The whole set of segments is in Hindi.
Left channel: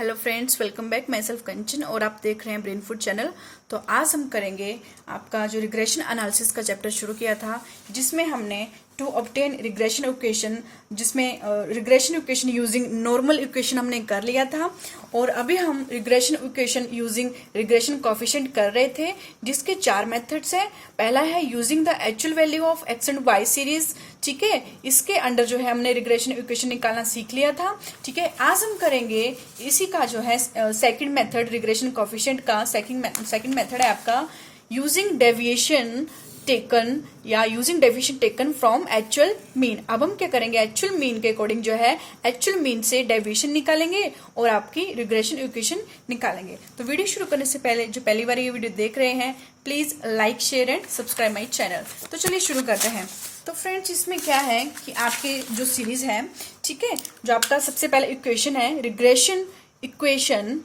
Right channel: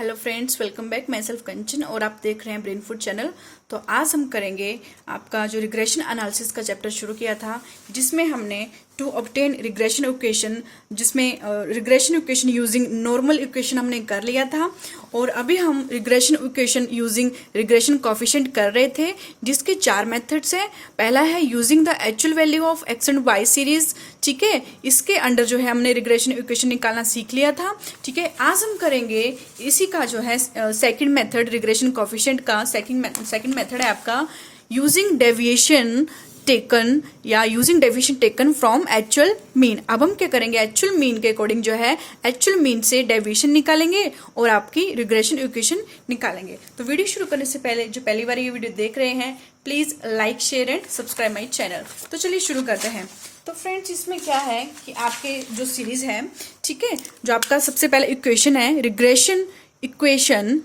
Hello friends, welcome back. मैं सेल्फ कंचन और आप देख रहे हैं ब्रेन फूड चैनल। तो आज हम करेंगे आपका जो रिग्रेशन एनालिसिस का चैप्टर शुरू किया था, जिसमें हमने टू ऑब्टेन रिग्रेशन इक्वेशन, जिसमें regression equation using normal equation हमने कर लिया था। और अभी हम regression equation using regression coefficient कर रहे थे, जिसके 4 मेथड्स हैं। पहला है using the actual value of x and Y series. ठीक है, इसके अंडर जो है हमने रिग्रेशन इक्वेशन निकालना सीख लिया था। ठीक है, आज हम करेंगे इसी का जो है सेकंड मेथड रिग्रेशन कोफिशिएंट का। सेकंड मेथड है आपका यूजिंग डेविएशन टेकन या using deviation taken from actual mean. अब हम क्या करेंगे, एक्चुअल मीन के अकॉर्डिंग जो है एक्चुअल मीन से डेविएशन निकालेंगे और आपकी रिग्रेशन इक्वेशन निकालेंगे। तो वीडियो शुरू करने से पहले जो पहली बार ये वीडियो देख रहे हैं, please like share and subscribe my channel. तो चलिए शुरू करते हैं। तो फ्रेंड्स, इसमें क्या है कि आपके जो सीरीज है, ठीक है, जो आपका सबसे पहला इक्वेशन है regression equation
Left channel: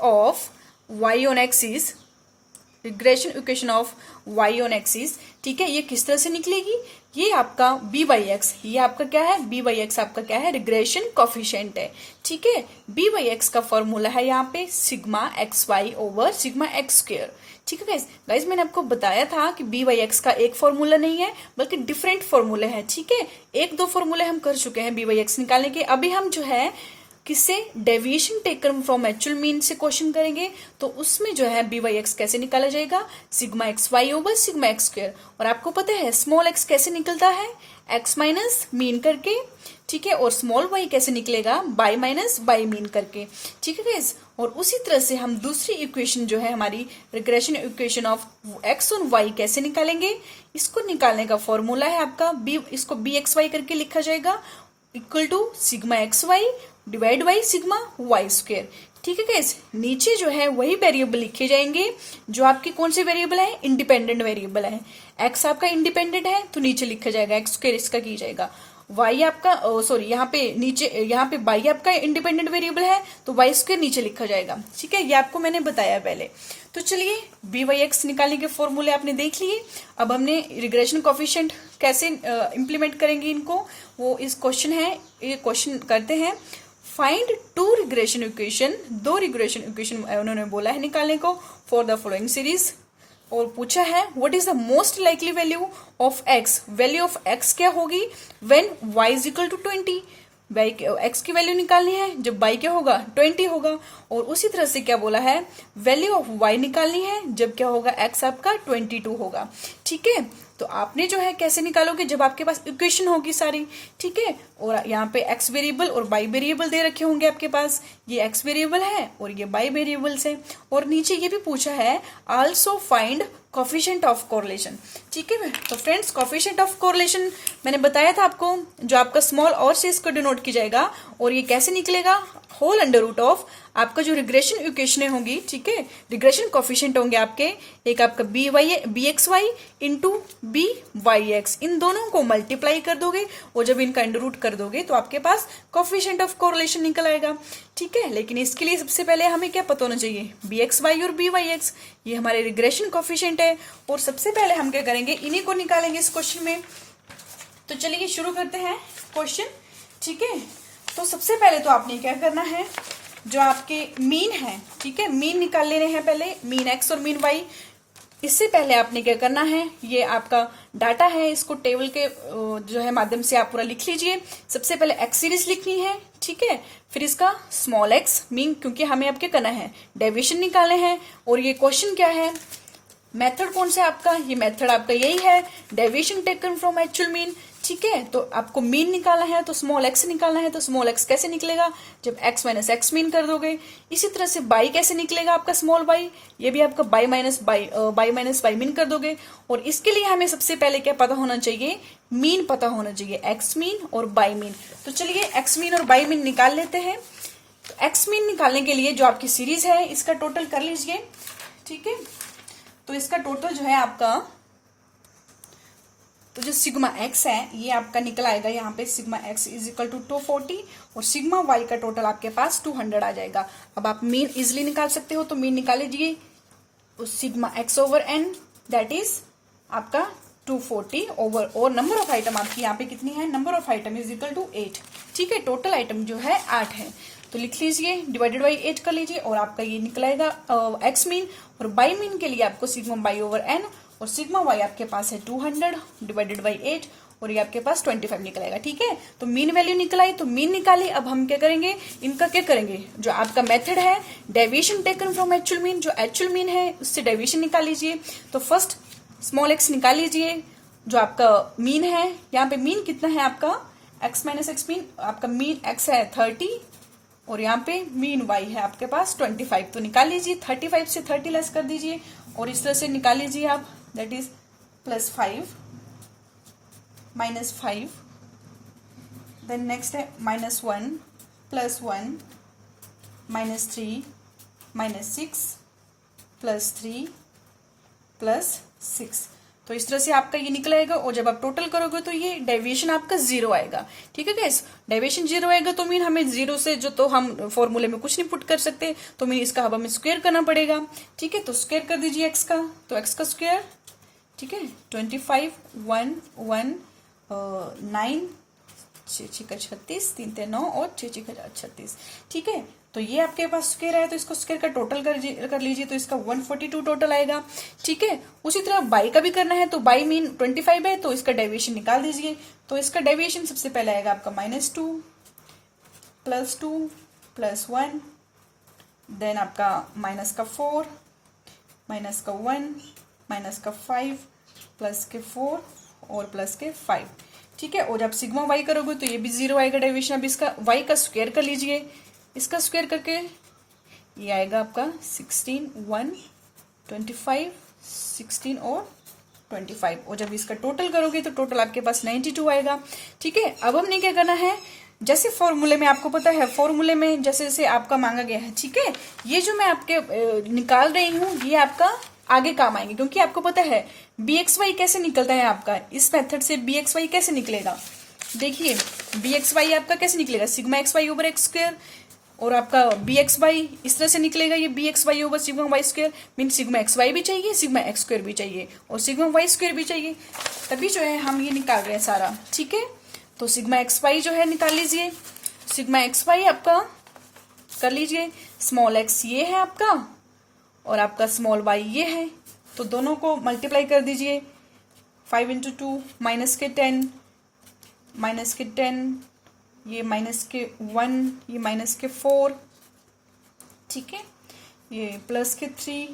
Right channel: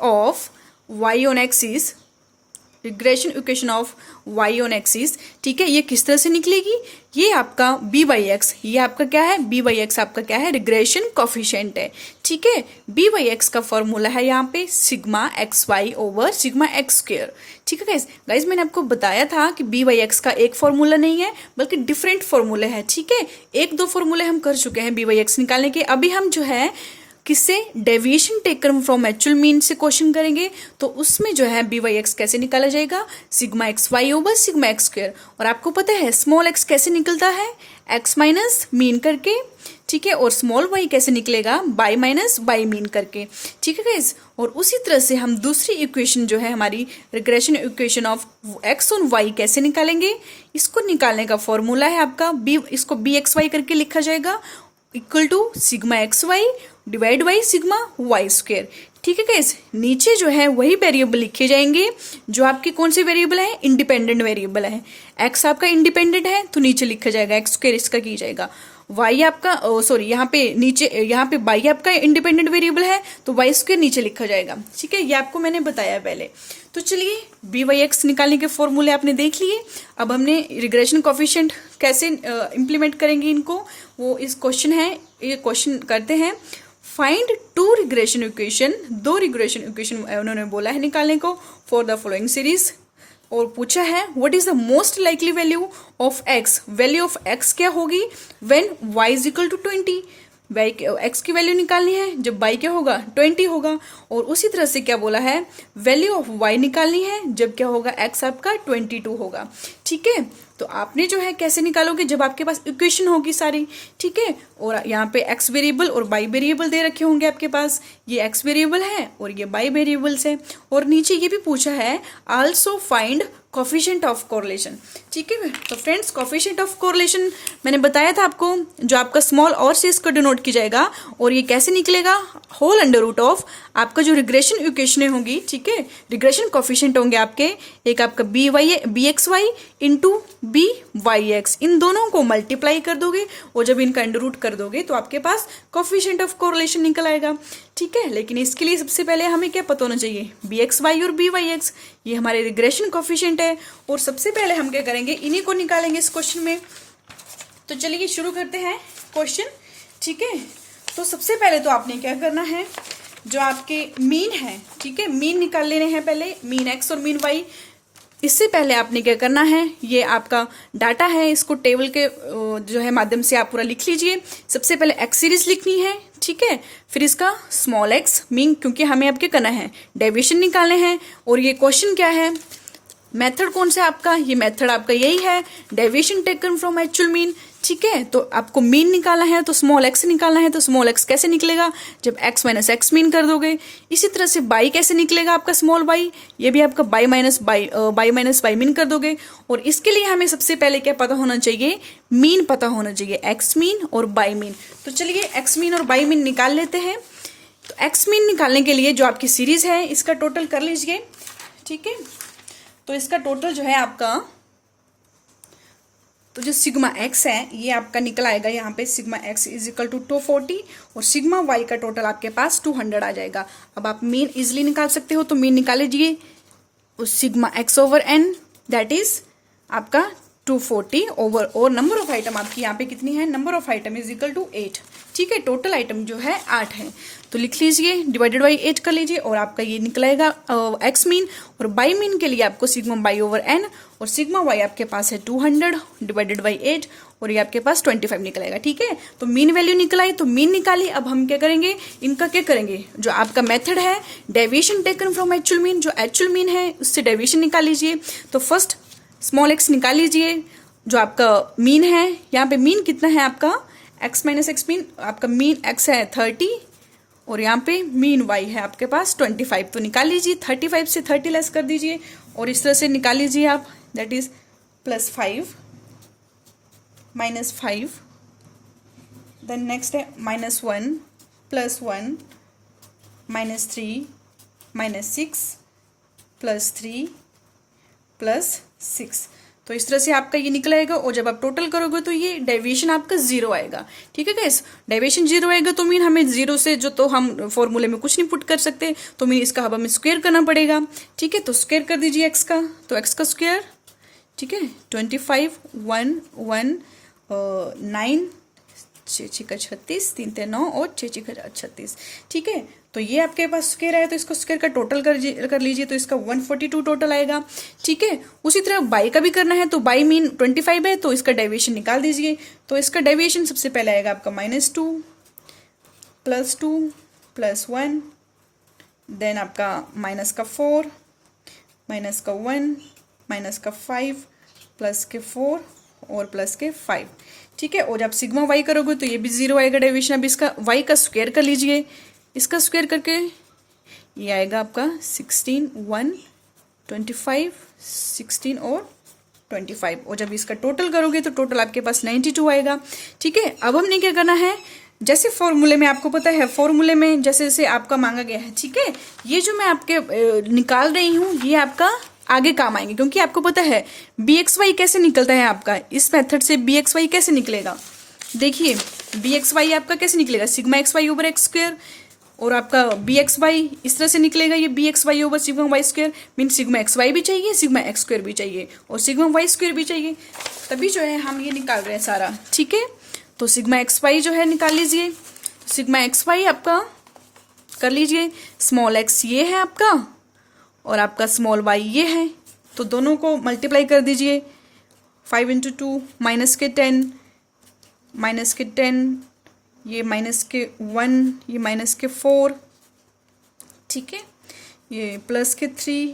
of Y on axis, regression equation of Y on axis. ठीक है, ये किस तरह से निकलेगी, ये आपका बी बाई एक्स, ये आपका क्या है, बी बाई एक्स आपका क्या है, रिग्रेशन कोफिशिएंट है। ठीक है, बी बाई एक्स का फॉर्मूला है यहाँ पे sigma x Y over sigma X square. ठीक है गाइज, मैंने आपको बताया था कि बी बाई एक्स का एक फॉर्मूला नहीं है बल्कि डिफरेंट फॉर्मूला है। ठीक है, 1-2 फॉर्मूले हम कर चुके हैं बी बाई एक्स निकालने के। अभी हम जो है किससे, deviation taken from actual mean से क्वेश्चन करेंगे। तो उसमें जो है बी वाई एक्स कैसे निकाला जाएगा, sigma x Y over sigma X square. और आपको पता है स्मॉल एक्स कैसे निकलता है, एक्स माइनस मीन करके। ठीक है, और स्मॉल वाई कैसे निकलेगा, बाई माइनस बाई मीन करके। ठीक है गाइस, और उसी तरह से हम दूसरी इक्वेशन जो है हमारी regression equation of x on Y कैसे निकालेंगे। इसको निकालने का फॉर्मूला है आपका इसको बी एक्स वाई करके लिखा जाएगा, equal to sigma x y divide by sigma y square. ठीक है गाइस, नीचे जो है वही वेरिएबल लिखे जाएंगे जो आपके कौन से वेरिएबल है, इंडिपेंडेंट वेरिएबल है। एक्स आपका इंडिपेंडेंट है तो नीचे लिखा जाएगा एक्स स्क्वायर, इसका की जाएगा। वाई आपका सॉरी यहाँ पे नीचे, यहाँ पे वाई आपका इंडिपेंडेंट वेरिएबल है तो वाई स्क्वायर नीचे लिखा जाएगा। ठीक है, ये आपको मैंने बताया पहले। तो चलिए, बी वाई एक्स निकालने के फॉर्मूले आपने देख लिए। अब हमने रिग्रेशन कोफिशिएंट कैसे इंप्लीमेंट करेंगे इनको, वो इस क्वेश्चन है, ये क्वेश्चन करते हैं। Find 2 regression equation, 2 regression equation उन्होंने बोला है निकालने को फॉर द फॉलोइंग सीरीज। और पूछा है what is the most likely value of x, value of x क्या होगी when y is equal to 20। एक्स की वैल्यू निकालनी है जब वाई क्या होगा, 20 होगा। और उसी तरह से क्या बोला है, वैल्यू ऑफ वाई निकालनी है जब क्या होगा, एक्स आपका 22 होगा। ठीक है, तो आपने जो है कैसे निकालोगे, जब आपके पास इक्वेशन होगी सारी। ठीक है, और यहाँ पे एक्स वेरिएबल और वाई वेरिएबल दे रखे होंगे आपके पास, ये एक्स वेरिएबल है और ये वाई वेरिएबल्स है। और नीचे ये भी पूछा है also find coefficient of correlation. ठीक है, तो फ्रेंड्स कोफिशिएंट ऑफ कोरिलेशन मैंने बताया था आपको, जो आपका स्मॉल और से इसको डिनोट की जाएगा। और ये कैसे निकलेगा, होल अंडर रूट ऑफ आपका जो रिग्रेशन इक्वेशन होगी। ठीक है, रिग्रेशन कोफिशिएंट होंगे आपके, एक आपका B x Y into B Y X, इन दोनों को मल्टीप्लाई कर दोगे और जब इनका अंडर रूट कर दोगे तो आपके पास कोफिशिएंट ऑफ कोरिलेशन निकल आएगा। ठीक है, लेकिन इसके लिए सबसे पहले हमें क्या पता होना चाहिए, बी एक्स वाई और बी वाई एक्स, ये हमारे रिग्रेशन कोफिशिएंट है। और सबसे पहले हम क्या करेंगे, इन्हीं को निकालेंगे इस क्वेश्चन में। तो चलिए शुरू करते हैं क्वेश्चन। ठीक है, तो सबसे पहले तो आपने क्या करना है, जो आपके मीन है, ठीक है, मीन निकाल लेने हैं पहले, मीन एक्स और मीन वाई। इससे पहले आपने क्या करना है, ये आपका डाटा है, इसको टेबल के जो है माध्यम से आप पूरा लिख लीजिए। सबसे पहले एक्स सीरीज लिखनी है। ठीक है, फिर इसका स्मॉल एक्स मीन, क्योंकि हमें अब क्या करना है, डेविएशन निकालने हैं। और ये क्वेश्चन क्या है, मेथड कौन सा आपका, ये मेथड आपका यही है, deviation taken from actual mean. ठीक है, तो आपको मीन निकालना है तो स्मॉल एक्स निकालना है। तो स्मॉल एक्स कैसे निकलेगा, जब एक्स माइनस एक्स मीन कर दोगे। इसी तरह से बाई कैसे निकलेगा आपका, स्मॉल बाई, ये भी आपका बाई माइनस बाई मीन कर दोगे। और इसके लिए हमें सबसे पहले क्या पता होना चाहिए, मीन पता होना चाहिए, एक्स मीन और बाई मीन। तो चलिए एक्स मीन और बाई मीन निकाल लेते हैं। तो एक्स मीन निकालने के लिए जो आपकी सीरीज है इसका टोटल कर लीजिए। ठीक है, तो इसका टोटल जो है आपका, तो जो सिग्मा एक्स है ये आपका निकल आएगा यहाँ पे, sigma x is equal to 240 और सिग्मा वाई का टोटल आपके पास 200 आ जाएगा। अब आप मीन इजिली निकाल सकते हो, तो मीन निकाल लीजिए, sigma x over n that is आपका 240 ओवर, और नंबर ऑफ आइटम आपकी यहाँ पे कितनी है, number of item is equal to 8। ठीक है, टोटल आइटम जो है 8 है, तो लिख लीजिए, डिवाइडेड बाई 8 कर लीजिए, और आपका ये निकलेगा एक्स मीन, और बाई मीन के लिए आपको सिग्मा बाई ओवर एन, और सिग्मा वाई आपके पास है 200 डिवाइडेड बाई 8, और ये आपके पास 25 निकलेगा। ठीक है, तो मीन वैल्यू निकलाई, तो मीन निकाली। अब हम क्या करेंगे, इनका क्या करेंगे, जो आपका मेथड है deviation taken from actual mean, जो एक्चुअल मीन है उससे डेविएशन निकाल लीजिए। तो फर्स्ट स्मॉल एक्स निकाल लीजिए, जो आपका मीन है, यहाँ पे मीन कितना है आपका x माइनस एक्स मीन, आपका मीन x है 30, और यहाँ पे मीन y है आपके पास 25, तो निकाल लीजिए, 35 से 30 लेस कर दीजिए, और इस तरह से निकाल लीजिए आप, दैट इज +5 -5, देन नेक्स्ट है -1 +1 -3 -6 +3 +6, तो इस तरह से आपका ये निकलेगा, और जब आप टोटल करोगे तो ये डेविएशन आपका 0 आएगा। ठीक है गाइस, डेविएशन 0 आएगा तो मीन हमें 0 से जो, तो हम फॉर्मूले में कुछ नहीं पुट कर सकते, तो मीन इसका अब हमें स्क्वायर करना पड़ेगा। ठीक है, तो स्क्वायर कर दीजिए एक्स का, तो एक्स का स्क्वायर, ठीक है, 25 1 1 9 6 का 36 3 3 9 और 6 का 36। ठीक है, तो ये आपके पास स्क्वायर है, तो इसको स्क्वायर का टोटल कर लीजिए, तो इसका 142 टोटल आएगा। ठीक है, उसी तरह बाई का भी करना है, तो बाई मीन 25 है, तो इसका डेविएशन निकाल दीजिए, तो इसका डेविएशन सबसे पहले आएगा आपका -2 +2 +1, देन आपका माइनस का 4 माइनस का 1 माइनस का 5 प्लस के 4 और प्लस के 5। ठीक है, और जब सिग्मा वाई करोगे तो ये भी 0 आएगा डेविएशन। अब इसका वाई का स्क्वायर कर लीजिए, इसका स्क्वायर करके ये आएगा आपका 16 1 25 16 और 25, और जब इसका टोटल करोगे तो टोटल आपके पास 92 आएगा। ठीक है, अब हमने क्या करना है, जैसे फॉर्मूले में आपको पता है, फॉर्मूले में जैसे जैसे आपका मांगा गया है, ठीक है, ये जो मैं आपके निकाल रही हूँ ये आपका आगे काम आएंगे, क्योंकि आपको पता है bxy कैसे निकलता है आपका, इस मेथड से bxy कैसे निकलेगा। देखिए bxy आपका कैसे निकलेगा, sigma xy over x square, और आपका bxy इस तरह से निकलेगा, ये bxy over sigma y square, mean sigma xy भी चाहिए, सिग्मा x स्क्वायर भी चाहिए, और सिग्मा वाई स्क्वायर भी चाहिए, तभी जो है हम ये निकाल रहे हैं सारा। ठीक है, तो सिग्मा xy जो है निकाल लीजिए, सिग्मा xy आपका कर लीजिए, स्मॉल x ये है आपका, और आपका स्मॉल y ये है, तो दोनों को मल्टीप्लाई कर दीजिए, 5 × 2 माइनस के 10 ये माइनस के 1 ये माइनस के 4, ठीक है, ये प्लस के 3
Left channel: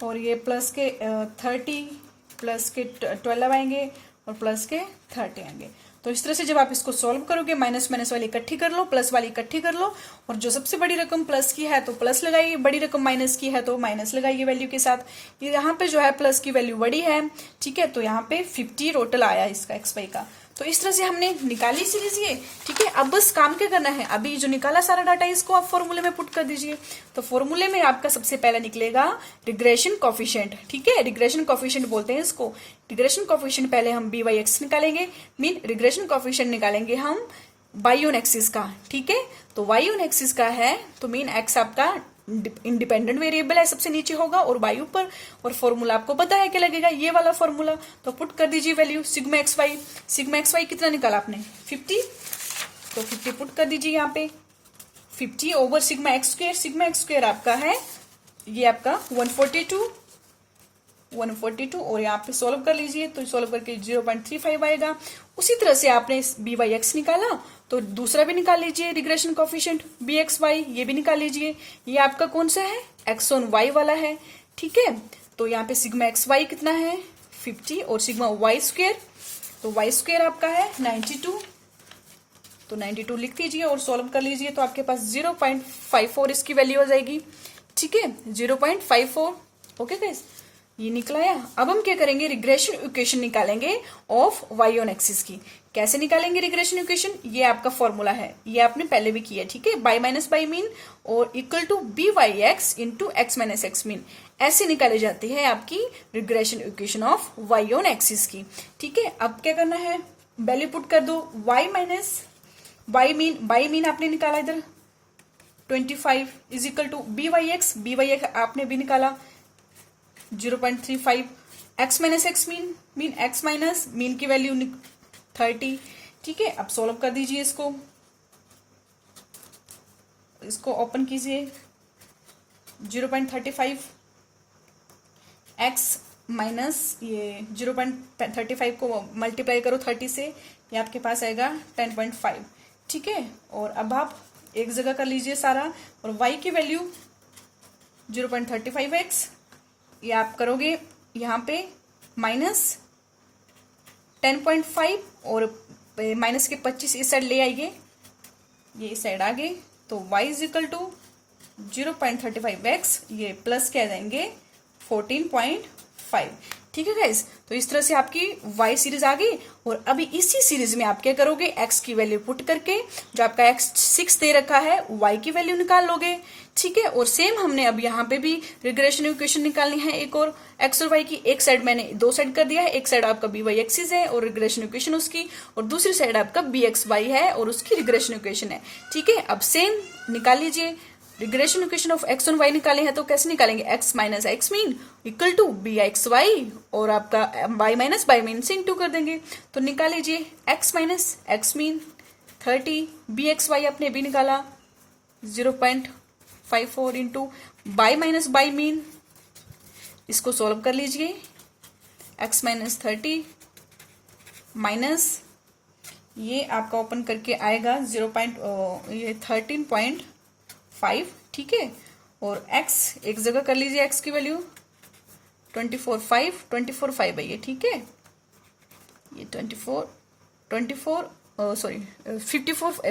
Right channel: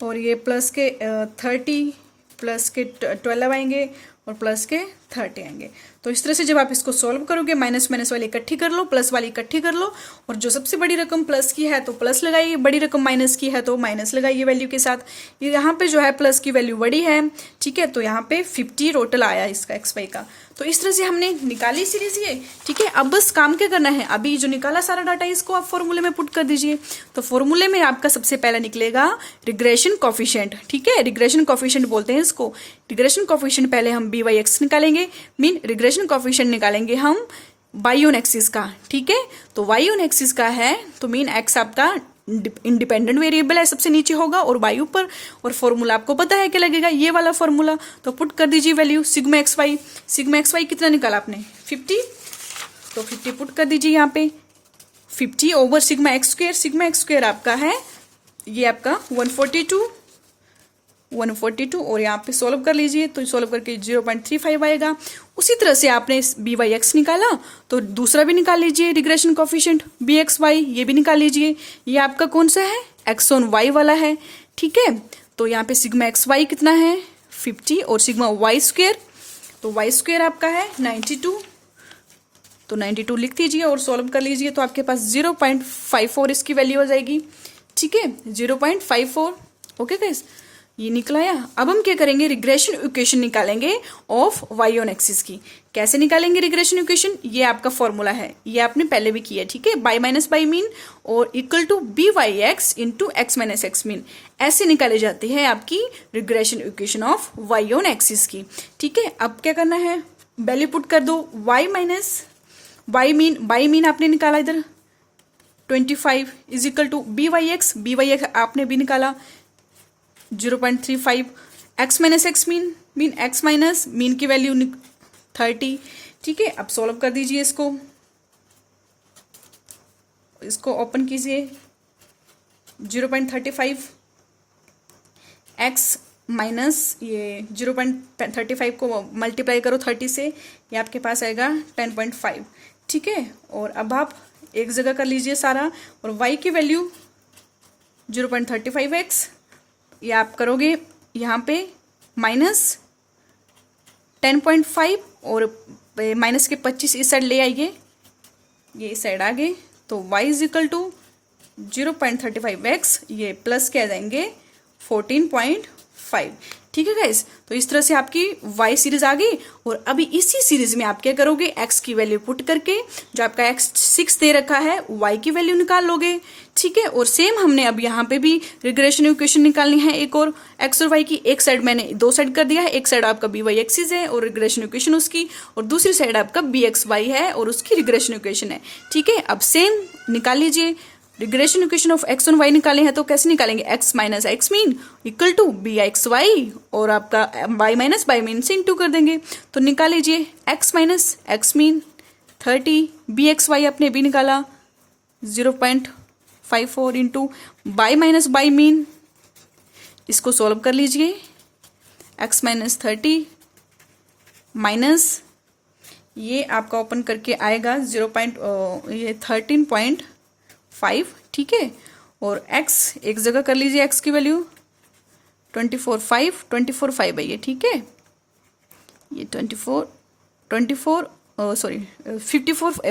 और ये प्लस के 30 प्लस के 12 आएंगे और प्लस के 30 आएंगे। तो इस तरह से जब आप इसको सॉल्व करोगे, माइनस माइनस वाली इकट्ठी कर लो, प्लस वाली इकट्ठी कर लो, और जो सबसे बड़ी रकम प्लस की है तो प्लस लगाइए, बड़ी रकम माइनस की है तो माइनस लगाइए वैल्यू के साथ। ये यहाँ पे जो है प्लस की वैल्यू बड़ी है, ठीक है, तो यहाँ पे 50 टोटल आया इसका XY का। तो इस तरह से हमने निकाली सीरीज ये, ठीक है। अब बस काम क्या करना है, अभी जो निकाला सारा डाटा इसको आप फॉर्मूले में पुट कर दीजिए। तो फॉर्मूले में आपका सबसे पहला निकलेगा रिग्रेशन कोफिशिएंट, ठीक है, रिग्रेशन कोफिशिएंट बोलते हैं इसको। रिग्रेशन कोफिशिएंट पहले हम BY(x) निकालेंगे, मीन रिग्रेशन कोफिशिएंट निकालेंगे हम y ऑन एक्सिस का, ठीक है। तो y ऑन एक्सिस का है तो मीन x आपका इंडिपेंडेंट वेरिएबल है, सबसे नीचे होगा और y ऊपर, और फॉर्मूला आपको पता है क्या लगेगा, ये वाला फॉर्मूला। तो पुट कर दीजिए वैल्यू सिग्मा XY कितना निकाला आपने 50, तो 50 पुट कर दीजिए यहाँ पे 50 ओवर सिग्मा एक्स स्क्वायर आपका है ये आपका 142 और यहाँ पे सॉल्व कर लीजिए, तो सॉल्व करके 0.35 आएगा। उसी तरह से आपने BY(x) निकाला तो दूसरा भी निकाल लीजिए रिग्रेशन कोफिशिएंट BXY, ये भी निकाल लीजिए। ये आपका कौन सा है, x ऑन y वाला है, ठीक है। तो यहाँ पे सिग्मा XY कितना है 50 और सिग्मा y स्क्वायर, तो y स्क्वायर आपका है 92, तो 92 लिख दीजिए और सॉल्व कर लीजिए, तो आपके पास 0.54 इसकी वैल्यू हो जाएगी, ठीक है, 0.54। ओके गाइस, ये निकलाया। अब हम क्या करेंगे, रिग्रेशन इक्वेशन निकालेंगे ऑफ y ऑन एक्सिस की। कैसे निकालेंगे रिग्रेशन इक्वेशन, ये आपका फॉर्मूला है, ये आपने पहले भी किया, ठीक है, बाई माइनस बाई मीन और equal to BY(x) into x minus x mean, ऐसे निकाले जाती है आपकी regression equation of y on axis की, ठीक है। अब क्या करना है, वैल्यू पुट कर दो, y माइनस बाई मीन आपने निकाला इधर 25 इज इक्वल टू BY(x) आपने भी निकाला 0.35, x minus x mean mean x minus mean की वैल्यू 30। ठीक है, अब सॉल्व कर दीजिए इसको ओपन कीजिए। 0.35 x माइनस ये 0.35 को मल्टीप्लाई करो 30 से, ये आपके पास आएगा 10.5। ठीक है, और अब आप एक जगह कर लीजिए सारा, और y की वैल्यू 0.35x, ये आप करोगे यहाँ पे माइनस 10.5 और माइनस के 25 इस साइड ले आइए, ये इस साइड आ गए, तो y is equal to 0.35x, ये प्लस के आ जाएंगे 14.5। ठीक है गाइस, तो इस तरह से आपकी y सीरीज आ गई। और अभी इसी सीरीज में आप क्या करोगे, x की वैल्यू पुट करके जो आपका x 6 दे रखा है y की वैल्यू निकाल लोगे। ठीक है, और सेम हमने अब यहाँ पे भी रिग्रेशन इक्वेशन निकालनी है एक और x और y की। एक साइड मैंने दो साइड कर दिया है, एक साइड आपका बी वाई एक्सिस है और रिग्रेशन इक्वेशन उसकी, और दूसरी साइड आपका बी एक्स वाई है और उसकी रिग्रेशन इक्वेशन है। ठीक है, अब सेम निकाल लीजिए। रिग्रेशन इक्वेशन ऑफ एक्स और वाई निकाले हैं तो कैसे निकालेंगे, x minus x mean equal to b x y, और आपका वाई माइनस वाई मीन से इंटू कर देंगे। तो निकाल लीजिए x minus x mean 30, b x y आपने भी निकाला 0.54 into y minus y mean, इसको सॉल्व कर लीजिए। एक्स माइनस 30 माइनस ये आपका ओपन करके आएगा 13.5। ठीक है, और x एक जगह कर लीजिए, x की वैल्यू 24.5 है ये। ठीक है, ये 54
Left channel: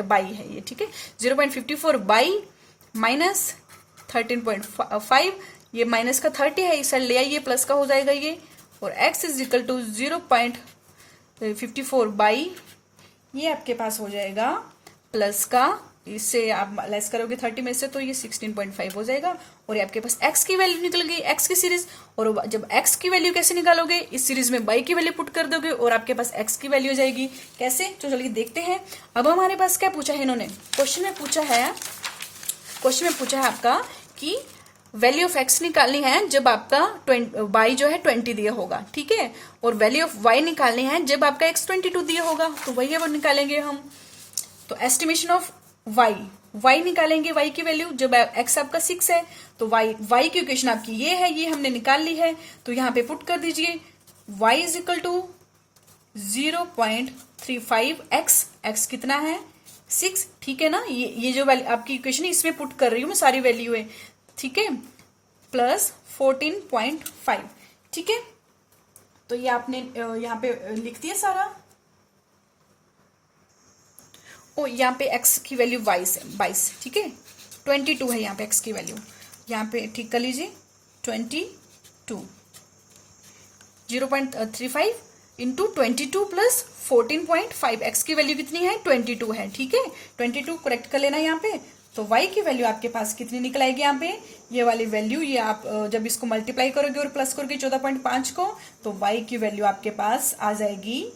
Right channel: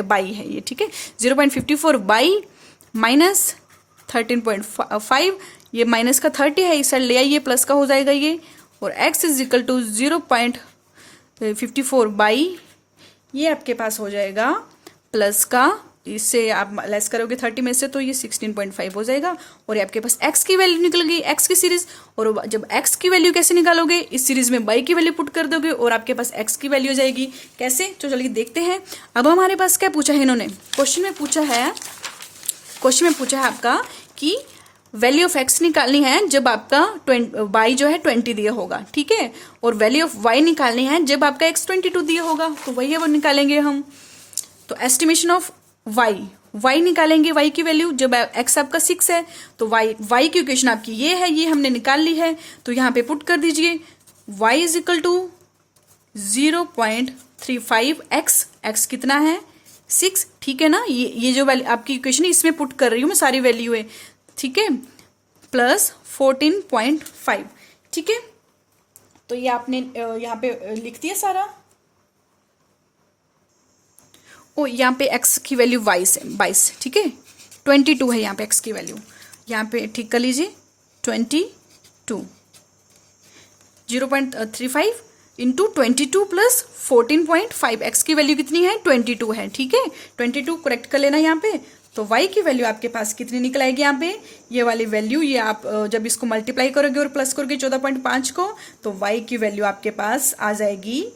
बाई है ये। ठीक है, 0.54 बाई माइनस 13.5, ये माइनस का 30 है, इस साइड ले आइए, प्लस का हो जाएगा ये, और x is equal to 0.54 y, ये आपके पास हो जाएगा प्लस का, इससे आप लेस करोगे 30 में से तो ये 16.5 हो जाएगा। और ये आपके पास x की वैल्यू निकल गई, x की सीरीज। और जब x की वैल्यू कैसे निकालोगे, इस सीरीज में y की वैल्यू पुट कर दोगे और आपके पास x की वैल्यू हो जाएगी। कैसे, तो चलिए देखते हैं। अब हमारे पास क्या पूछा है इन्होंने, क्वेश्चन में पूछा है आपका कि वैल्यू ऑफ x निकालनी है जब आपका y जो है 20 दिया होगा। ठीक है, और वैल्यू ऑफ y निकालनी है जब आपका x 22 दिया होगा, तो वही है वो निकालेंगे हम। तो एस्टिमेशन ऑफ y निकालेंगे, y की वैल्यू जब x आपका 6 है, तो y की इक्वेशन आपकी ये है, ये हमने निकाल ली है, तो यहाँ पे पुट कर दीजिए y is equal to 0.35x, x कितना है 6। ठीक है ना, ये जो वैल्यू आपकी इक्वेशन है इसमें पुट कर रही हूँ मैं सारी वैल्यू है। ठीक है, प्लस 14.5। ठीक है, तो ये आपने यहाँ पे लिख दिया सारा। ओ यहाँ पे x की वैल्यू 22। ठीक है, 22 है यहाँ पे x की वैल्यू, यहाँ पे ठीक कर लीजिए 22। 0.35 इंटू 22 प्लस 14.5, x की वैल्यू कितनी है 22 है। ठीक है, 22 करेक्ट कर लेना यहाँ पे। तो y की वैल्यू आपके पास कितनी निकल आएगी यहाँ पे, ये वाली वैल्यू, ये आप जब इसको मल्टीप्लाई करोगे और प्लस करोगे 14.5 को, तो y की वैल्यू आपके पास आ जाएगी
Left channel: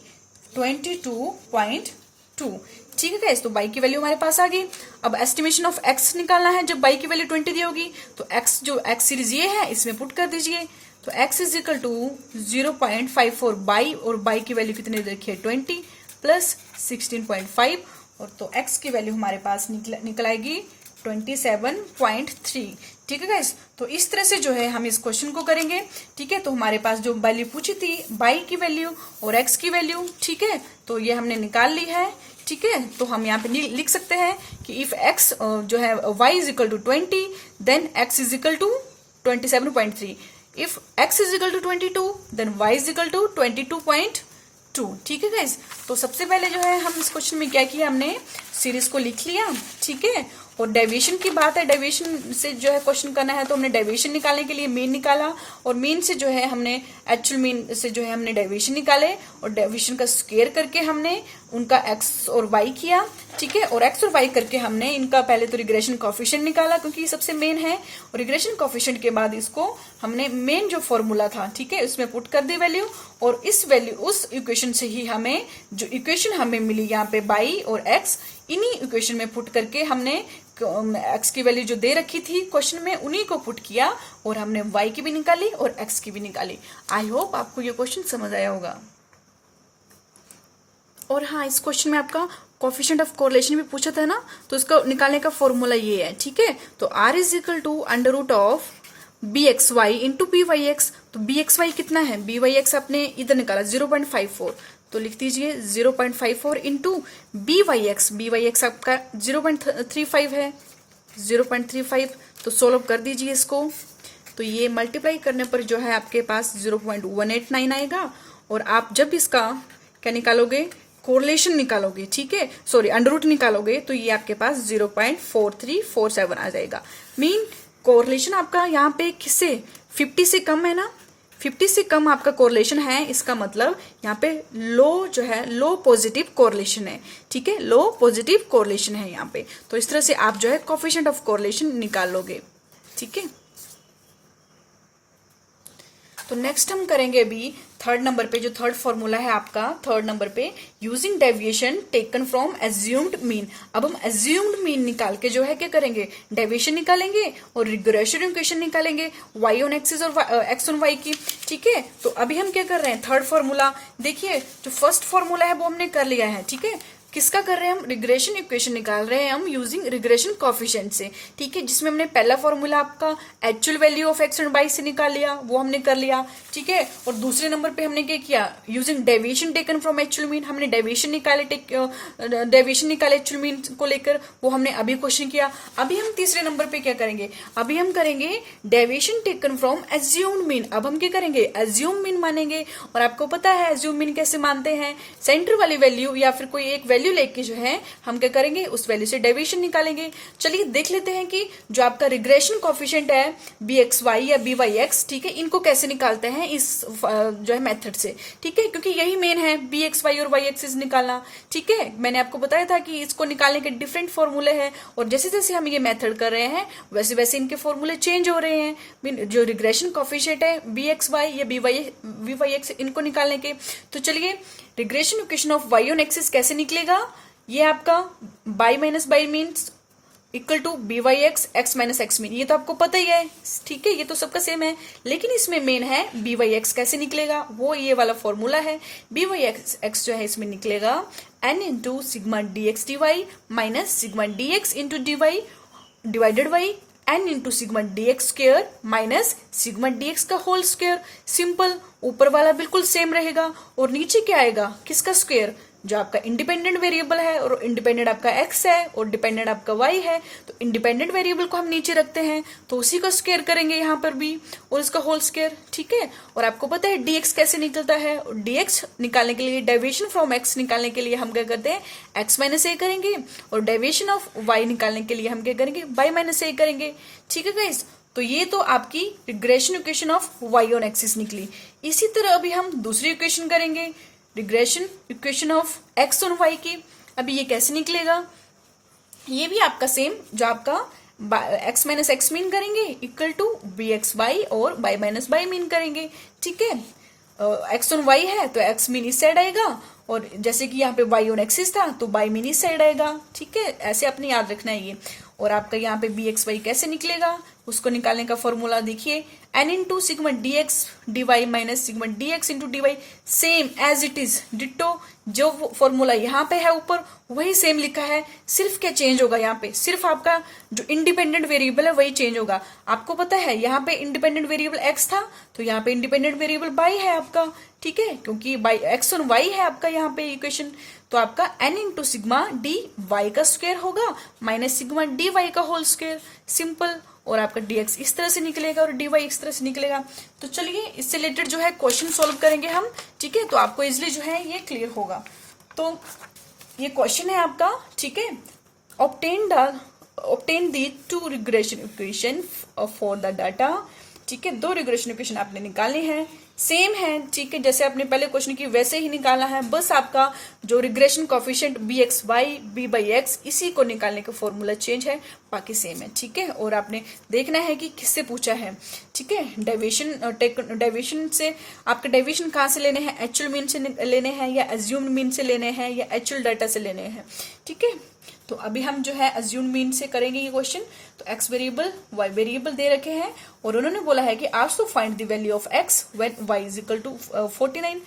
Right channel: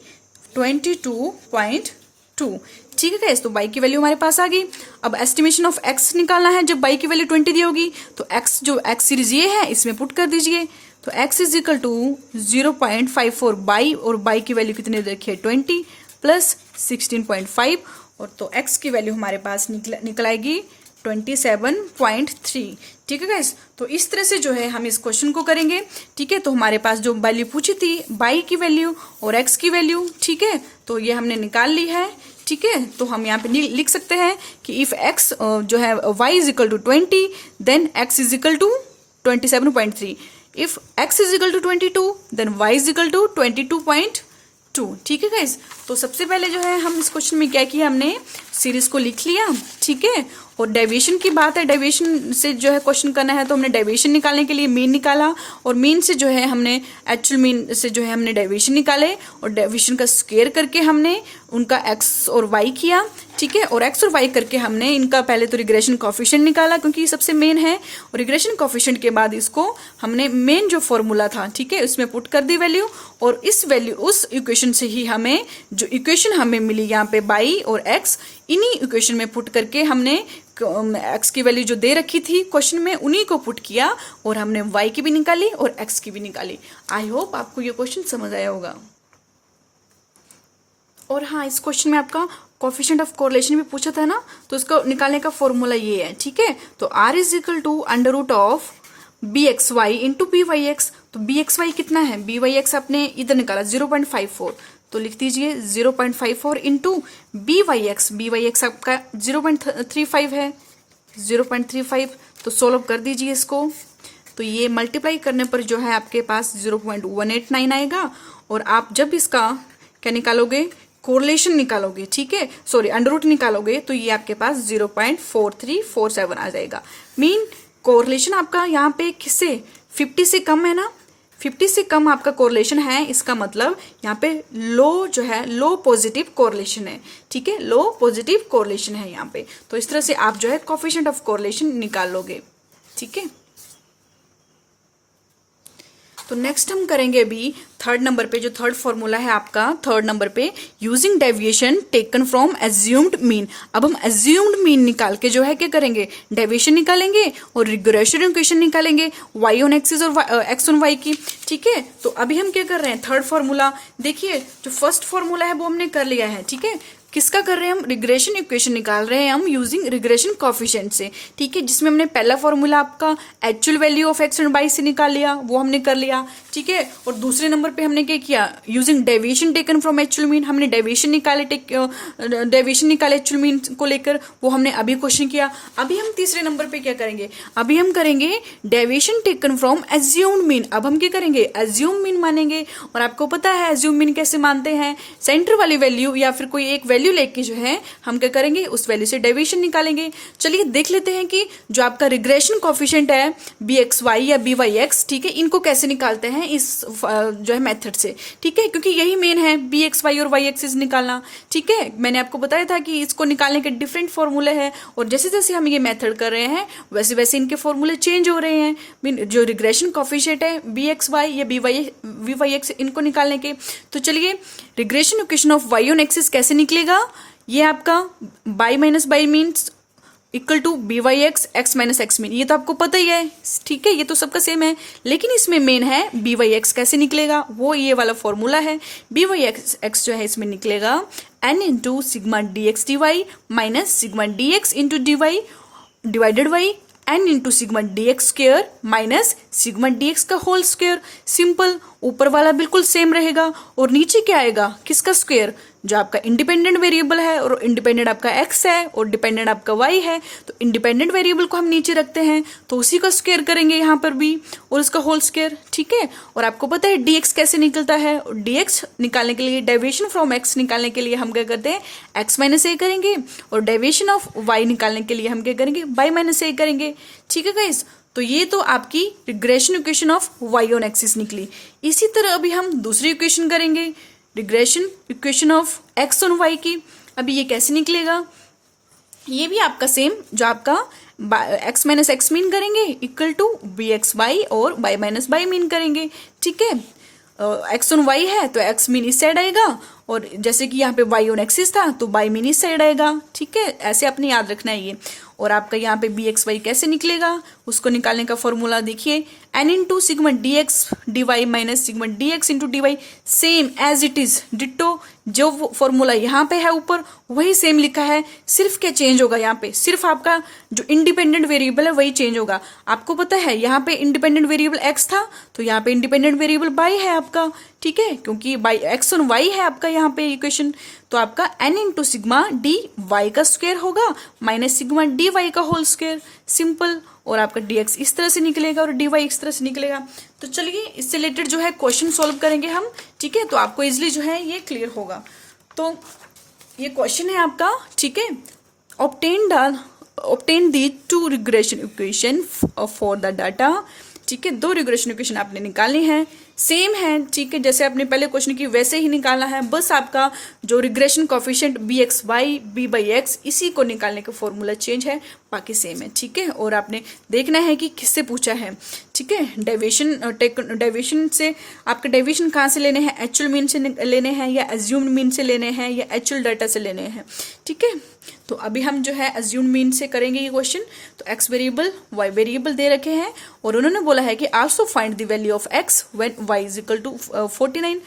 22.2। ठीक है गाइस, तो y की वैल्यू हमारे पास आ गई। अब एस्टिमेशन ऑफ x निकालना है जब y की वैल्यू 20 दी होगी, तो x जो x सीरीज ये है इसमें पुट कर दीजिए। तो x is equal to 0.54 y, और y की वैल्यू कितनी देखिए 20 प्लस 16.5, और तो x की वैल्यू हमारे पास निकल आएगी 27.3। ठीक है गाइस, तो इस तरह से जो है हम इस क्वेश्चन को करेंगे। ठीक है, तो हमारे पास जो वैल्यू पूछी थी y की वैल्यू और x की वैल्यू, ठीक है, तो ये हमने निकाल ली है। ठीक है, तो हम यहाँ पे लिख सकते हैं कि इफ x जो है y is equal to 20 then x is equal to 27.3, if x is equal to 22 then y is equal to 22.2। ठीक है गाइस, तो सबसे पहले जो है हम इस क्वेश्चन में क्या किया, हमने सीरीज को लिख लिया। ठीक है, और डेविएशन की बात है, डेविएशन से जो है क्वेश्चन करना है, तो हमने डेविएशन निकालने के लिए मीन निकाला, और मीन से जो है हमने एक्चुअल मीन से जो है हमने डेविएशन निकाले, और डेविएशन का स्क्वायर करके हमने उनका x और y किया। ठीक है, और x और y करके हमने इनका पहले तो रिग्रेशन कोएफिशिएंट निकाला क्योंकि ये सबसे मेन है, और रिग्रेशन कोएफिशिएंट के बाद इसको हमने मेन जो फॉर्मूला था, ठीक है, उसमें पुट कर दी वैल्यू, और इस वैल्यू उस इक्वेशन से ही हमें जो इक्वेशन हमें मिली यहाँ पे y और x, इन्हीं इक्वेशन में पुट करके हमने एक्स की वैल्यू जो दे रखी थी क्वेश्चन में उन्हीं को पुट किया और हमने वाई की भी निकाली और एक्स की भी निकाली। आई होप आपको ये क्वेश्चन समझ आया होगा। और हाँ, इस क्वेश्चन में आपका कोफिशिएंट ऑफ कोरिलेशन भी पूछा था ना, तो इसको निकालने का फॉर्मूला ये है, ठीक है। तो r is equal to under root of b x Y into B Y x. तो बी एक्स वाई कितना है, बी वाई एक्स आपने इधर निकाला 0.54, तो लिख दीजिए 0.54 इंटू बी वाई एक्स आपका 0.35 है, 0.35। तो सोल्व कर दीजिए इसको, तो ये मल्टीप्लाई करने पर जो है आपके पास 0.189 आएगा। और आप जब इसका क्या निकालोगे, कोरिलेशन निकालोगे, ठीक है, सॉरी अंडर रूट निकालोगे, तो ये आपके पास 0.4347 आ जाएगा। मीन कोरिलेशन आपका यहाँ पे किससे 50 से कम है ना, 50 से कम आपका कोरिलेशन है, इसका मतलब यहाँ पे लो जो है लो पॉजिटिव कोरिलेशन है, ठीक है, लो पॉजिटिव कोरिलेशन है यहाँ पे। तो इस तरह से आप जो है कोफिशिएंट ऑफ कोरिलेशन निकाल लोगे, ठीक है। तो नेक्स्ट हम करेंगे अभी थर्ड नंबर पे, जो थर्ड फॉर्मूला है आपका थर्ड नंबर पे, using deviation taken from assumed mean. अब हम एज्यूम्ड मीन निकाल के जो है क्या करेंगे, डेविएशन निकालेंगे और रिग्रेशन इक्वेशन निकालेंगे वाई ऑन एक्सिस और एक्स ऑन वाई की, ठीक है। तो अभी हम क्या कर रहे हैं, थर्ड फॉर्मूला देखिए, जो फर्स्ट फॉर्मूला है वो हमने कर लिया है, ठीक है। किसका कर रहे हैं हम, रिग्रेशन इक्वेशन निकाल रहे हैं हम यूजिंग रिग्रेशन कोफिशिएंट से, ठीक है, जिसमें हमने पहला फॉर्मूला आपका actual value of x and y से निकाल लिया, वो हमने कर लिया, ठीक है। और दूसरे नंबर पे हमने क्या किया, using deviation taken from actual mean, हमने डेविएशन निकाले एक्चुअल मीन को लेकर, वो हमने अभी क्वेश्चन किया। अभी हम तीसरे नंबर पे क्या करेंगे, अभी हम करेंगे deviation taken from assumed mean. अब हम क्या करेंगे, एज्यूम मीन मानेंगे। और आपको पता है एज्यूम मीन कैसे मानते हैं, सेंटर वाली वैल्यू या फिर कोई एक वैल्यू लेके जो है हम क्या करेंगे, उस वैल्यू से डेविएशन निकालेंगे। चलिए देख लेते हैं कि जो आपका रिग्रेशन कोफिशिएंट है बी एक्स वाई या बी वाई एक्स, ठीक है, इनको कैसे निकालते हैं इस जो है मेथड से, ठीक है, क्योंकि यही मेन है बी एक्स वाई और वाई एक्सिस निकालना, ठीक है। मैंने आपको बताया था कि इसको निकालने के डिफरेंट फॉर्मूले हैं और जैसे जैसे हम ये मेथड कर रहे हैं वैसे वैसे इनके फॉर्मूले चेंज हो रहे हैं। जो रिग्रेशन कोफिशिएंट है बी एक्स वाई या बी वाई एक्स, इनको निकालने के, तो चलिए regression equation of Y on axis कैसे निकलेगा, ये आपका y minus y means equal to b Y x minus x mean, ये तो आपको पता ही है, ठीक है, ये तो सबका सेम है। लेकिन इसमें मेन है बी वाई एक्स कैसे निकलेगा, वो ये वाला फॉर्मूला है। बी वाई एक्स जो है इसमें निकलेगा n into sigma d x d y minus sigma d x into d y divided by n into sigma d x square minus sigma d x का होल स्क्वेयर। सिंपल, ऊपर वाला बिल्कुल सेम रहेगा और नीचे क्या आएगा, किसका स्क्वेयर, जो आपका इंडिपेंडेंट वेरिएबल है, और इंडिपेंडेंट आपका एक्स है और डिपेंडेंट आपका वाई है। तो इंडिपेंडेंट वेरिएबल को हम नीचे रखते हैं तो उसी का स्क्वायर करेंगे यहाँ पर भी और इसका होल स्क्वायर, ठीक है। और आपको पता है डीएक्स कैसे निकलता है, डीएक्स निकालने के लिए, डेविएशन फ्रॉम एक्स निकालने के लिए हम क्या करते हैं, एक्स माइनस ए करेंगे, और डेविएशन ऑफ वाई निकालने के लिए हम क्या करेंगे, वाई माइनस ए करेंगे, ठीक है गाइस। तो ये तो आपकी regression equation of Y on axis निकली। इसी तरह अभी हम दूसरी इक्वेशन करेंगे, regression equation of x on y की। अभी ये कैसे निकलेगा, ये भी आपका सेम, जो आपका एक्स माइनस एक्स मीन करेंगे equal to b x y और वाई माइनस वाई मीन करेंगे, ठीक है। एक्स ऑन वाई है तो एक्स मीन इस साइड आएगा, और जैसे कि यहाँ पे वाई ऑन एक्सिस था तो वाई मीन इस साइड आएगा, ठीक है। ऐसे आपने याद रखना है ये। और आपका यहाँ पे बी एक्स वाई कैसे निकलेगा, उसको निकालने का फॉर्मूला देखिए, n into sigma d x d y minus sigma d x into d y, same as it is ditto. जो फॉर्मूला यहाँ पे है ऊपर वही सेम लिखा है, सिर्फ क्या चेंज होगा यहाँ पे, सिर्फ आपका जो इंडिपेंडेंट वेरिएबल है वही चेंज होगा। आपको पता है यहाँ पे इंडिपेंडेंट वेरिएबल एक्स था तो यहाँ पे इंडिपेंडेंट वेरिएबल वाई है आपका, ठीक है, क्योंकि बाई एक्स ऑन वाई है आपका यहाँ पे इक्वेशन। तो आपका n into sigma d y का स्क्वायर होगा माइनस सिग्मा डी वाई का होल स्क्वायर, सिंपल। और आपका dx इस तरह से निकलेगा और dy इस तरह से निकलेगा। तो चलिए इससे रिलेटेड जो है क्वेश्चन सॉल्व करेंगे हम, ठीक है, तो आपको इजिली जो है ये क्लियर होगा। तो ये क्वेश्चन है आपका, ठीक है, obtain the two regression equation for the data, ठीक है। दो रिग्रेशन इक्वेशन आपने निकालनी है, सेम है, ठीक है, जैसे आपने पहले क्वेश्चन की वैसे ही निकालना है, बस आपका जो regression coefficient b x y b by x इसी को निकालने का फॉर्मूला चेंज है, बाकी सेम है, ठीक है। और आपने देखना है कि किससे पूछा है, ठीक है। डेविएशन से आपके डेविएशन कहाँ से लेने हैं, एक्चुअल मीन से लेने हैं या एज्यूम्ड मीन से लेने हैं या एक्चुअल डाटा से लेने हैं, ठीक है। तो अभी हम जो है एज्यूम्ड मीन से करेंगे ये क्वेश्चन। तो एक्स वेरिएबल वाई वेरिएबल दे रखे हैं और उन्होंने बोला है कि also find the value of x when y is equal to 49।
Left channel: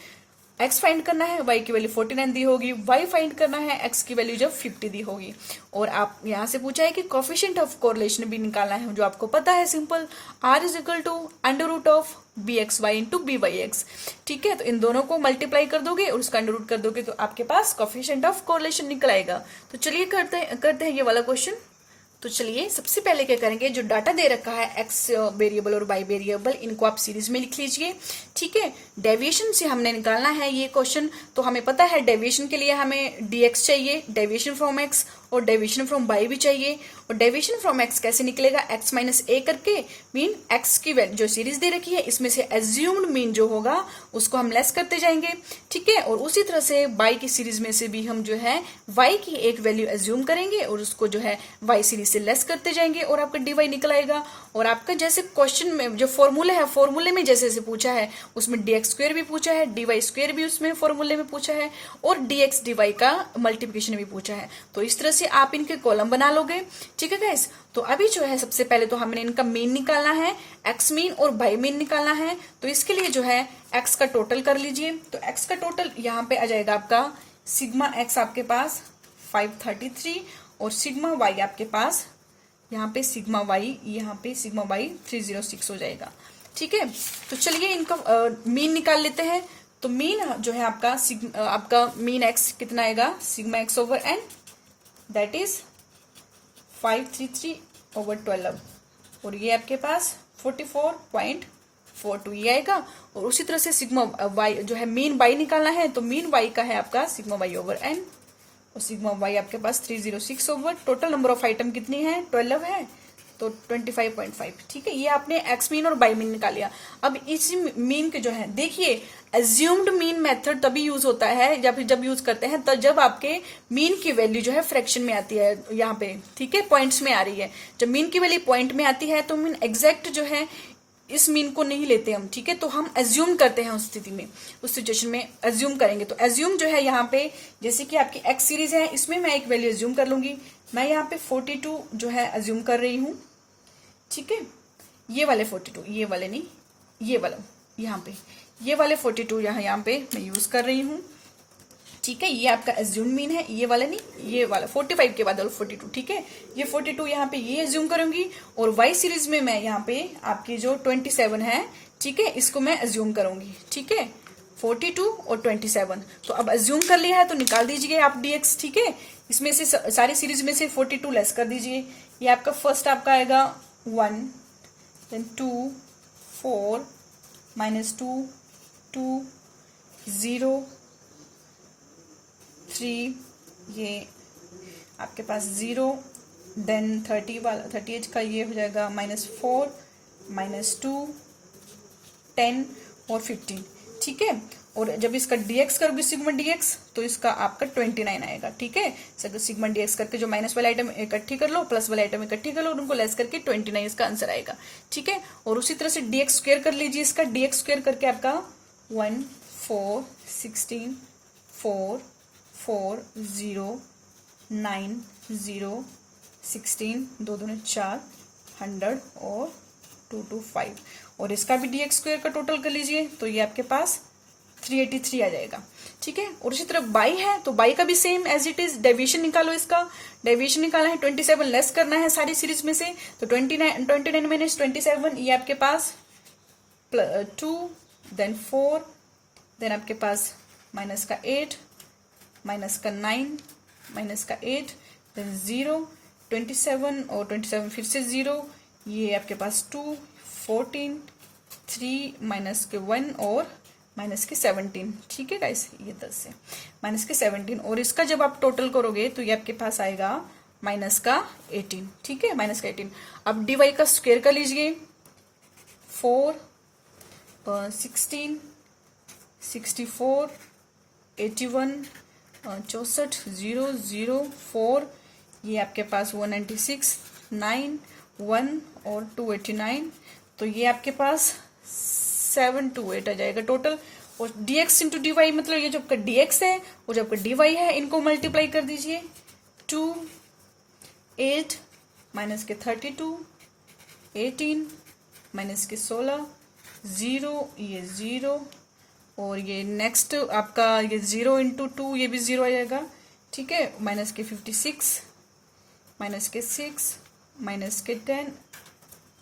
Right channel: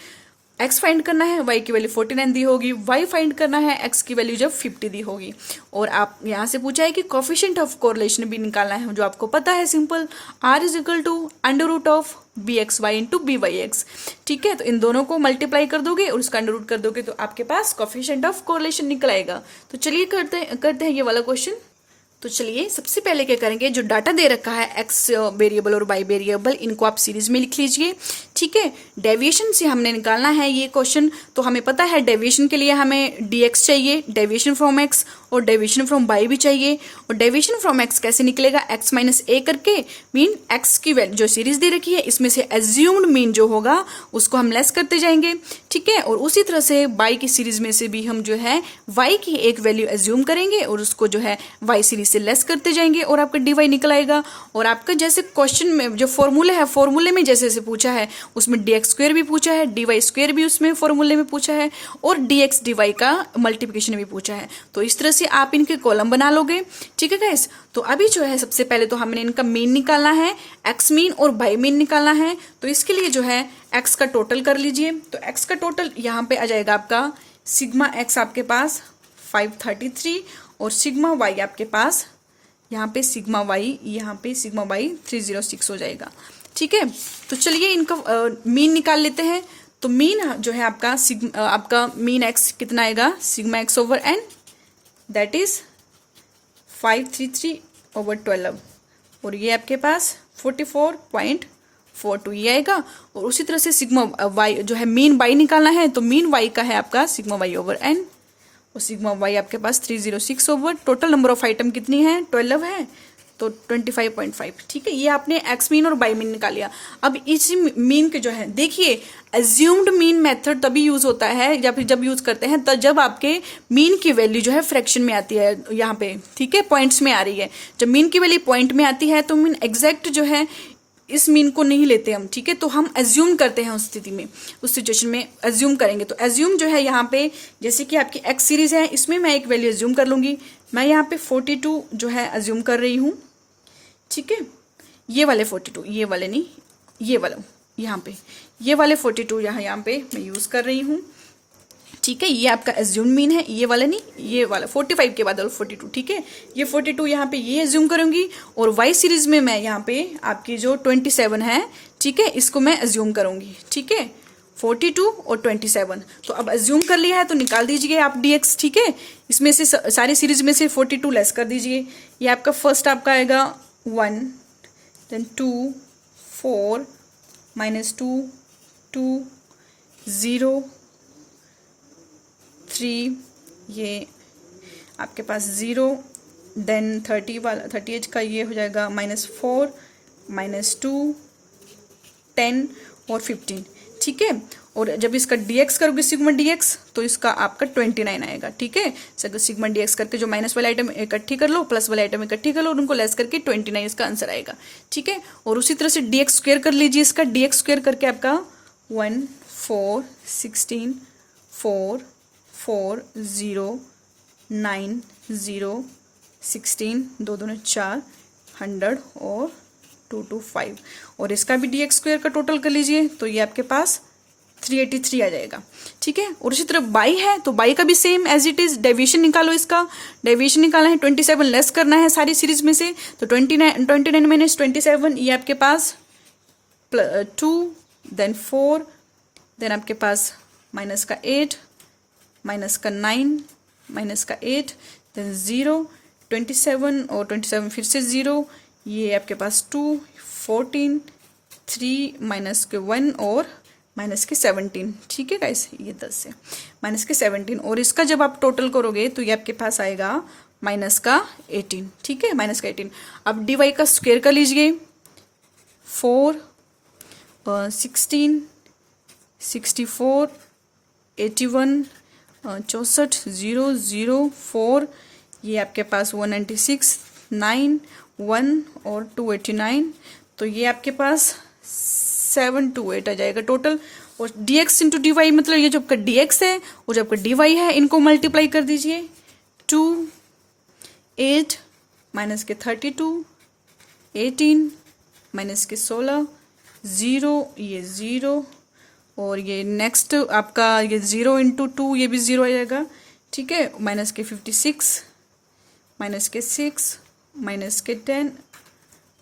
X find करना है, वाई की वैल्यू 49 दी होगी, वाई फाइंड करना है, एक्स की वैल्यू जब 50 दी होगी। और आप यहां से पूछा है कि कोफिशिएंट ऑफ कोरिलेशन भी निकालना है, जो आपको पता है simple, r is equal to under root of b x Y into B Y x, ठीक है। तो इन दोनों को मल्टीप्लाई कर दोगे और उसका अंडर रूट कर दोगे तो आपके पास कोफिशिएंट ऑफ कोरिलेशन निकल आएगा। तो चलिए करते हैं ये वाला क्वेश्चन। तो चलिए सबसे पहले क्या करेंगे, जो डाटा दे रखा है एक्स वेरिएबल और वाई वेरिएबल, इनको आप सीरीज में लिख लीजिए, ठीक है। डेविएशन से हमने निकालना है ये क्वेश्चन, तो हमें पता है डेविएशन के लिए हमें dx चाहिए, डेविएशन फ्रॉम x, और डेविएशन फ्रॉम y भी चाहिए। और डेविएशन फ्रॉम x कैसे निकलेगा, x माइनस a करके, मीन x की वैल्यू जो सीरीज दे रखी है इसमें से एज्यूम्ड मीन जो होगा उसको हम लेस करते जाएंगे, ठीक है। और उसी तरह से y की सीरीज में से भी हम जो है y की एक वैल्यू एज्यूम करेंगे और उसको जो है y सीरीज से लेस करते जाएंगे और आपका dy निकल आएगा। और आपका जैसे क्वेश्चन में जो फॉर्मूले है, फॉर्मूले में जैसे जैसे पूछा है उसमें dx स्क्वायर भी पूछा है, dy स्क्वायर भी उसमें फॉर्मूले में पूछा है और dx dy का मल्टीप्लिकेशन भी पूछा है। तो इस तरह से आप इनके कॉलम बना लोगे, ठीक है गाइस। तो अभी जो है सबसे पहले तो हमने इनका मीन निकालना है, एक्स मीन और वाई मीन निकालना है। तो इसके लिए जो है एक्स का टोटल कर लीजिए। तो एक्स का टोटल यहाँ पे आ जाएगा आपका सिग्मा एक्स आपके पास 533 और सिग्मा वाई आपके पास यहाँ पे सिग्मा वाई 306 हो जाएगा, ठीक है। तो चलिए इनका मीन निकाल लेते हैं। तो मीन जो है आपका मीन एक्स कितना आएगा, sigma x over n, that is 533/12 और ये आपके पास 44.42 ये आएगा। और उसी तरह से सिग्मा वाई जो है मीन वाई निकालना है, तो मीन वाई का है आपका सिग्मा वाई ओवर एन और सिग्मा वाई आपके पास 306 over, total number of item कितनी है 12 है, तो 25.5, ठीक है। ये आपने एक्स मीन और वाई मीन निकाल लिया। अब इसी मीन के जो है देखिए, एज्यूम्ड मीन मेथड तभी यूज होता है जब यूज करते हैं, तब जब आपके मीन की वैल्यू जो है फ्रैक्शन में आती है यहाँ पे, ठीक है, पॉइंट्स में आ रही है। जब मीन की वैल्यू पॉइंट में आती है तो मीन एग्जैक्ट जो है इस मीन को नहीं लेते हम, ठीक है। तो हम एज्यूम करते हैं उस स्थिति में, उस सिचुएशन में एज्यूम करेंगे। तो एज्यूम जो है यहाँ पे जैसे कि आपकी एक्स सीरीज है, इसमें मैं एक वैल्यू एज्यूम कर लूंगी। मैं यहाँ पे 42 जो है एज्यूम कर रही हूँ, ठीक है। ये वाले 42, ये वाले नहीं, ये वाला यहाँ पे, ये वाले 42 यहाँ पे मैं यूज कर रही हूँ, ठीक है। ये आपका एज्यूम मीन है, ये वाला नहीं, ये वाला 45 के बाद 42, ठीक है। ये 42 यहाँ पे ये एज्यूम करूंगी और वाई सीरीज में मैं यहाँ पे आपकी जो 27 है, ठीक है, इसको मैं एज्यूम करूंगी, ठीक है। 42 और 27, तो अब एज्यूम कर लिया है तो निकाल दीजिए आप dx, ठीक है। इसमें से सारी सीरीज में से 42 लेस कर दीजिए। ये आपका फर्स्ट आपका आएगा 1, देन 2, 4, -2, 2, 0, 3, ये आपके पास 0, देन 38 का ये हो जाएगा -4, -2, 10 और 15, ठीक है। और जब इसका dx करोगे सिग्मा dx तो इसका आपका 29 आएगा, ठीक है। सिग्मा dx करके जो माइनस वाले आइटम इकट्ठी कर लो, प्लस वाले आइटम इकट्ठी कर लो और उनको लेस करके 29 इसका आंसर आएगा, ठीक है। और उसी तरह से dx स्क्वायर कर लीजिए, इसका dx स्क्वायर करके आपका 1, 4, 16, 4, 4, 0, 9, 0, 16, 2 दूनी 4, 100 और 2, 2, 5 और इसका भी dx स्क्वायर का टोटल कर लीजिए तो ये आपके पास 383 आ जाएगा, ठीक है। और इसी तरह बाई है तो बाई का भी same as it is, deviation निकालो, इसका डेविएशन निकालना है, 27 लेस करना है सारी सीरीज में से, तो 29 माइनस 27 ये आपके पास 2, देन 4, देन आपके पास माइनस का 8, माइनस का 9, माइनस का 8, देन 0, 27 और 27 फिर से 0, ये आपके पास 2, 14, 3, माइनस के 1 और माइनस के 17, ठीक है गाइस, ये 10 है, माइनस के 17 और इसका जब आप टोटल करोगे तो ये आपके पास आएगा माइनस का 18, ठीक है, माइनस का 18। अब dy का स्क्वायर कर लीजिए, 4, 16, 64, 81, 64, 0, 0, 4, ये आपके पास 196, 9 1 और 289, तो ये आपके पास 728 आ जाएगा टोटल। और dx इंटू dy मतलब ये जो आपका dx है और जो आपका dy है, इनको मल्टीप्लाई कर दीजिए। 2 8 माइनस के 32 18 माइनस के 16 0, ये 0 और ये नेक्स्ट आपका ये 0 इंटू 2, ये भी 0 आ जाएगा, ठीक है। माइनस के 56 माइनस के 6 माइनस के 10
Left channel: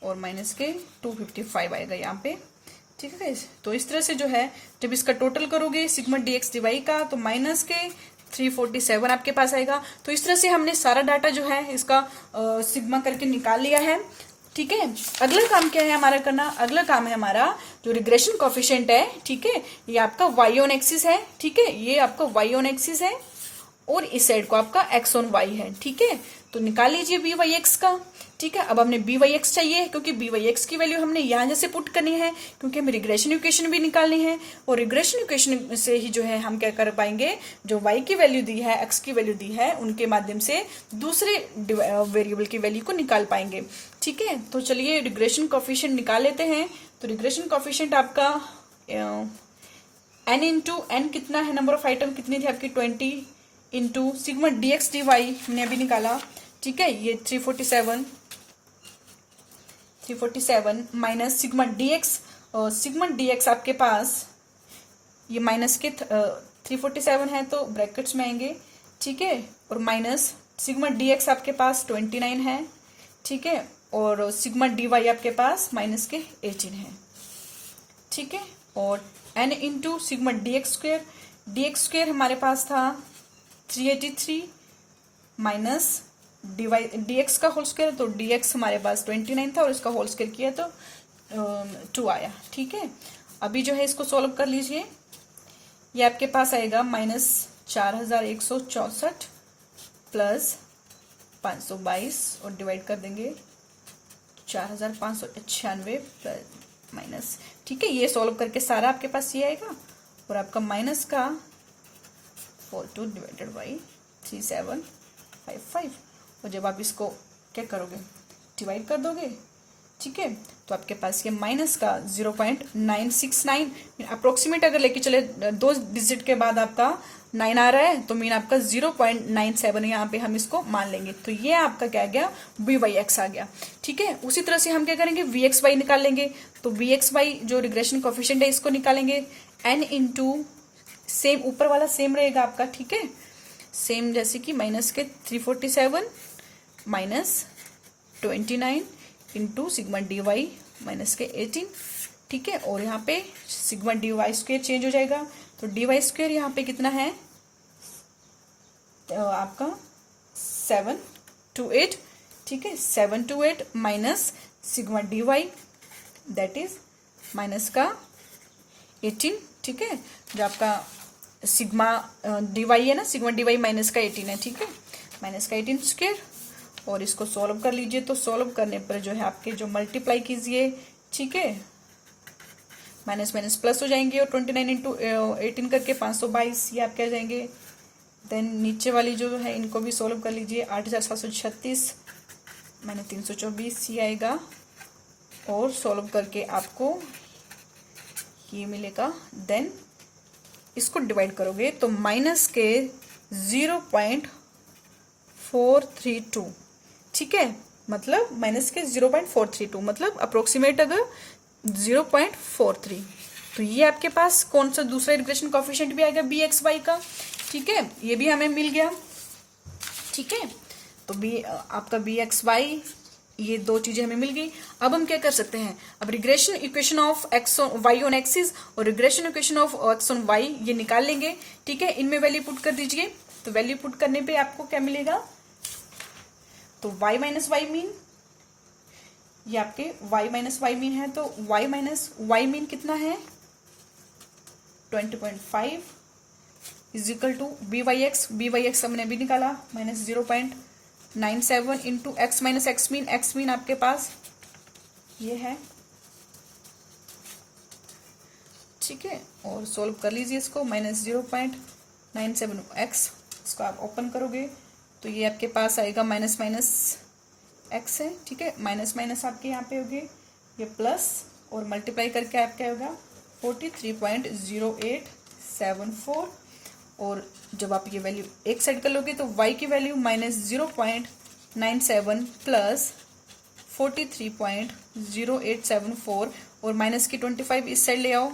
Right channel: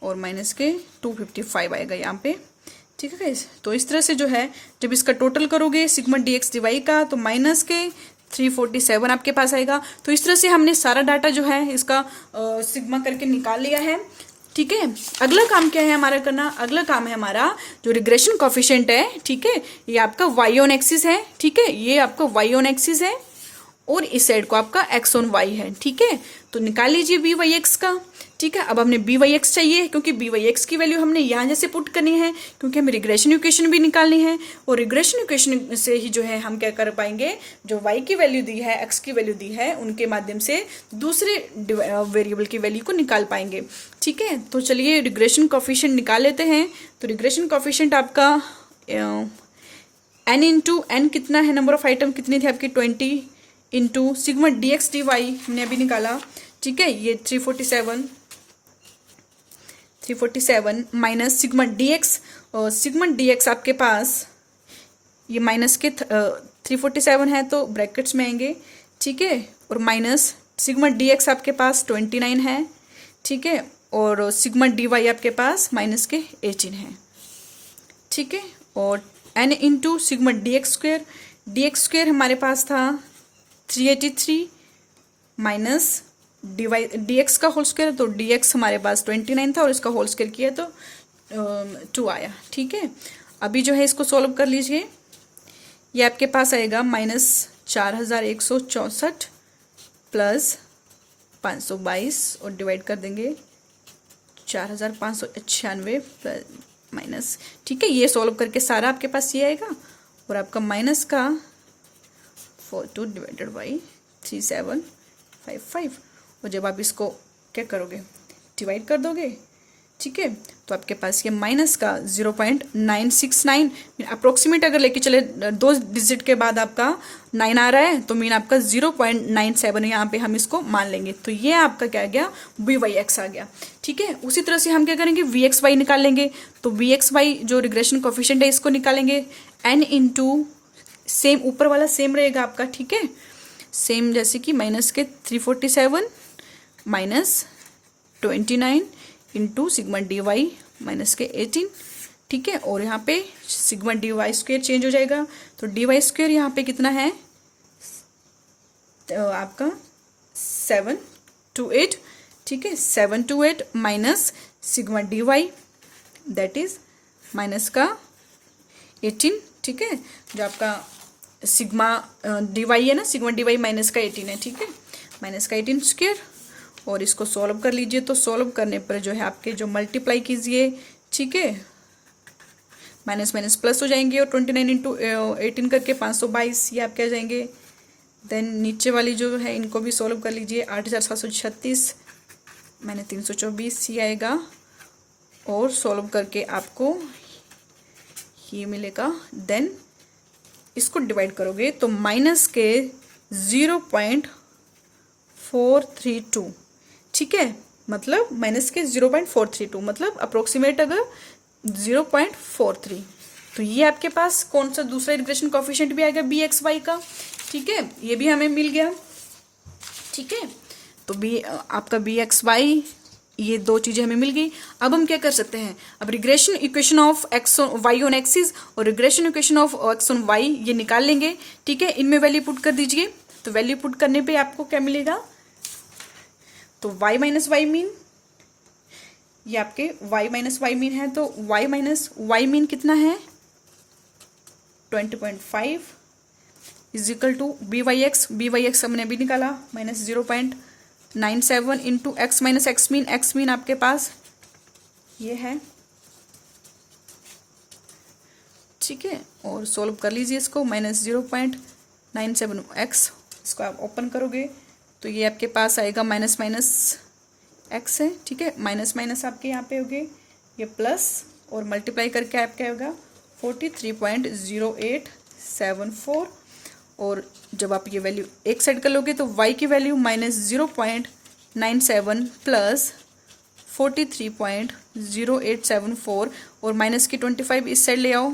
और माइनस के 255 आएगा यहाँ पे, ठीक है गाइस। तो इस तरह से जो है जब इसका टोटल करोगे सिग्मा dx dy का, तो माइनस के 347 आपके पास आएगा। तो इस तरह से हमने सारा डाटा जो है इसका सिग्मा करके निकाल लिया है, ठीक है। अगला काम क्या है हमारा करना, अगला काम है हमारा जो रिग्रेशन कोफिशिएंट है, ठीक है, ये आपका y ऑन एक्सिस है, ठीक है, ये आपका y ऑन एक्सिस है और इस साइड को आपका x ऑन y है, ठीक है। तो निकाल लीजिए बी वाई एक्स का, ठीक है। अब हमने बी वाई एक्स चाहिए क्योंकि बी वाई एक्स की वैल्यू हमने यहाँ जैसे पुट करनी है, क्योंकि हमें रिग्रेशन इक्वेशन भी निकालनी है और रिग्रेशन इक्वेशन से ही जो है हम क्या कर पाएंगे, जो y की वैल्यू दी है, x की वैल्यू दी है, उनके माध्यम से दूसरे वेरिएबल की वैल्यू को निकाल पाएंगे, ठीक है। तो चलिए रिग्रेशन कोफिशिएंट निकाल लेते हैं। तो रिग्रेशन कोफिशिएंट आपका n इंटू n कितना है, नंबर ऑफ आइटम कितनी थी आपकी 20 इंटू सिग्मा dx dy हमने अभी निकाला, ठीक है, ये 347 माइनस सिग्मा dx, और सिग्मा dx आपके पास ये माइनस के 347 है तो ब्रैकेट्स में आएंगे, ठीक है, और माइनस सिग्मा dx आपके पास 29 है, ठीक है, और सिग्मा dy आपके पास माइनस के 18 है, ठीक है। और n into sigma dx square हमारे पास था 383 माइनस dx का होल स्क्वायर, तो dx हमारे पास 29 था और इसका होल स्क्वायर किया तो 2 आया, ठीक है। अभी जो है इसको सॉल्व कर लीजिए, ये आपके पास आएगा माइनस 4164 प्लस 522 और डिवाइड कर देंगे 4596 प्लस माइनस, ठीक है। ये सॉल्व करके सारा आपके पास ये आएगा और आपका माइनस का 42 डिवाइडेड बाई 3755, और जब आप इसको क्या करोगे डिवाइड कर दोगे, ठीक है, तो आपके पास ये माइनस का 0.969 अप्रोक्सीमेट अगर लेके चले 2 डिजिट के बाद आपका 9 आ रहा है तो मीन आपका 0.97 यहाँ पे हम इसको मान लेंगे। तो ये आपका क्या आ गया, वी वाई एक्स आ गया, ठीक है। उसी तरह से हम क्या करेंगे वी एक्स वाई निकाल लेंगे। तो वी एक्स वाई जो रिग्रेशन कोफिशिएंट है इसको निकालेंगे n इंटू सेम ऊपर वाला सेम रहेगा आपका, ठीक है, सेम जैसे कि माइनस के 347 minus 29 into sigma d y minus के 18, ठीक है। और यहाँ पे sigma d y square change हो जाएगा, तो डी वाई स्क्वेयर यहाँ पे कितना है तो आपका 728, ठीक है, 728 minus sigma d y that is minus का 18, ठीक है, जो आपका सिग्मा डी वाई है ना, सिग्मा डी वाई माइनस का 18 है, ठीक है, माइनस का 18 स्क्वेयर। और इसको सॉल्व कर लीजिए, तो सॉल्व करने पर जो है आपके जो मल्टीप्लाई कीजिए, ठीक है, माइनस माइनस प्लस हो जाएंगे और 29 इंटू 18 करके 522 ये आपके आ जाएंगे। देन नीचे वाली जो है इनको भी सॉल्व कर लीजिए, 8736 मैंने 324 ये आएगा, और सॉल्व करके आपको ये मिलेगा। देन इसको डिवाइड करोगे तो माइनस के 0.432, ठीक है, मतलब माइनस के 0.432 मतलब अप्रोक्सीमेट अगर 0.43, तो ये आपके पास कौन सा दूसरा रिग्रेशन कोफिशिएंट भी आ गया बी एक्स वाई का, ठीक है, ये भी हमें मिल गया, ठीक है। तो बी आपका बी एक्स वाई ये दो चीजें हमें मिल गई। अब हम क्या कर सकते हैं, अब regression equation of X Y on axis और regression equation of x on Y ये निकाल लेंगे, ठीक है। इनमें वैल्यू पुट कर दीजिए, तो वैल्यू पुट करने पे आपको क्या मिलेगा, तो y माइनस वाई मीन, ये आपके y माइनस वाई मीन है, तो y माइनस वाई मीन कितना है 20.5 is equal to b Y x हमने अभी निकाला minus 0.97 into x minus x mean आपके पास ये है, ठीक है। और सोल्व कर लीजिए इसको, माइनस 0.97 एक्स, इसको आप ओपन करोगे तो ये आपके पास आएगा माइनस माइनस एक्स है, ठीक है। माइनस माइनस आपके यहाँ पे हो गए ये प्लस, और मल्टीप्लाई करके आपका क्या होगा 43.0874, और जब आप ये वैल्यू एक साइड कर लोगे तो y की वैल्यू -0.97 प्लस 43.0874, और माइनस की 25 इस साइड ले आओ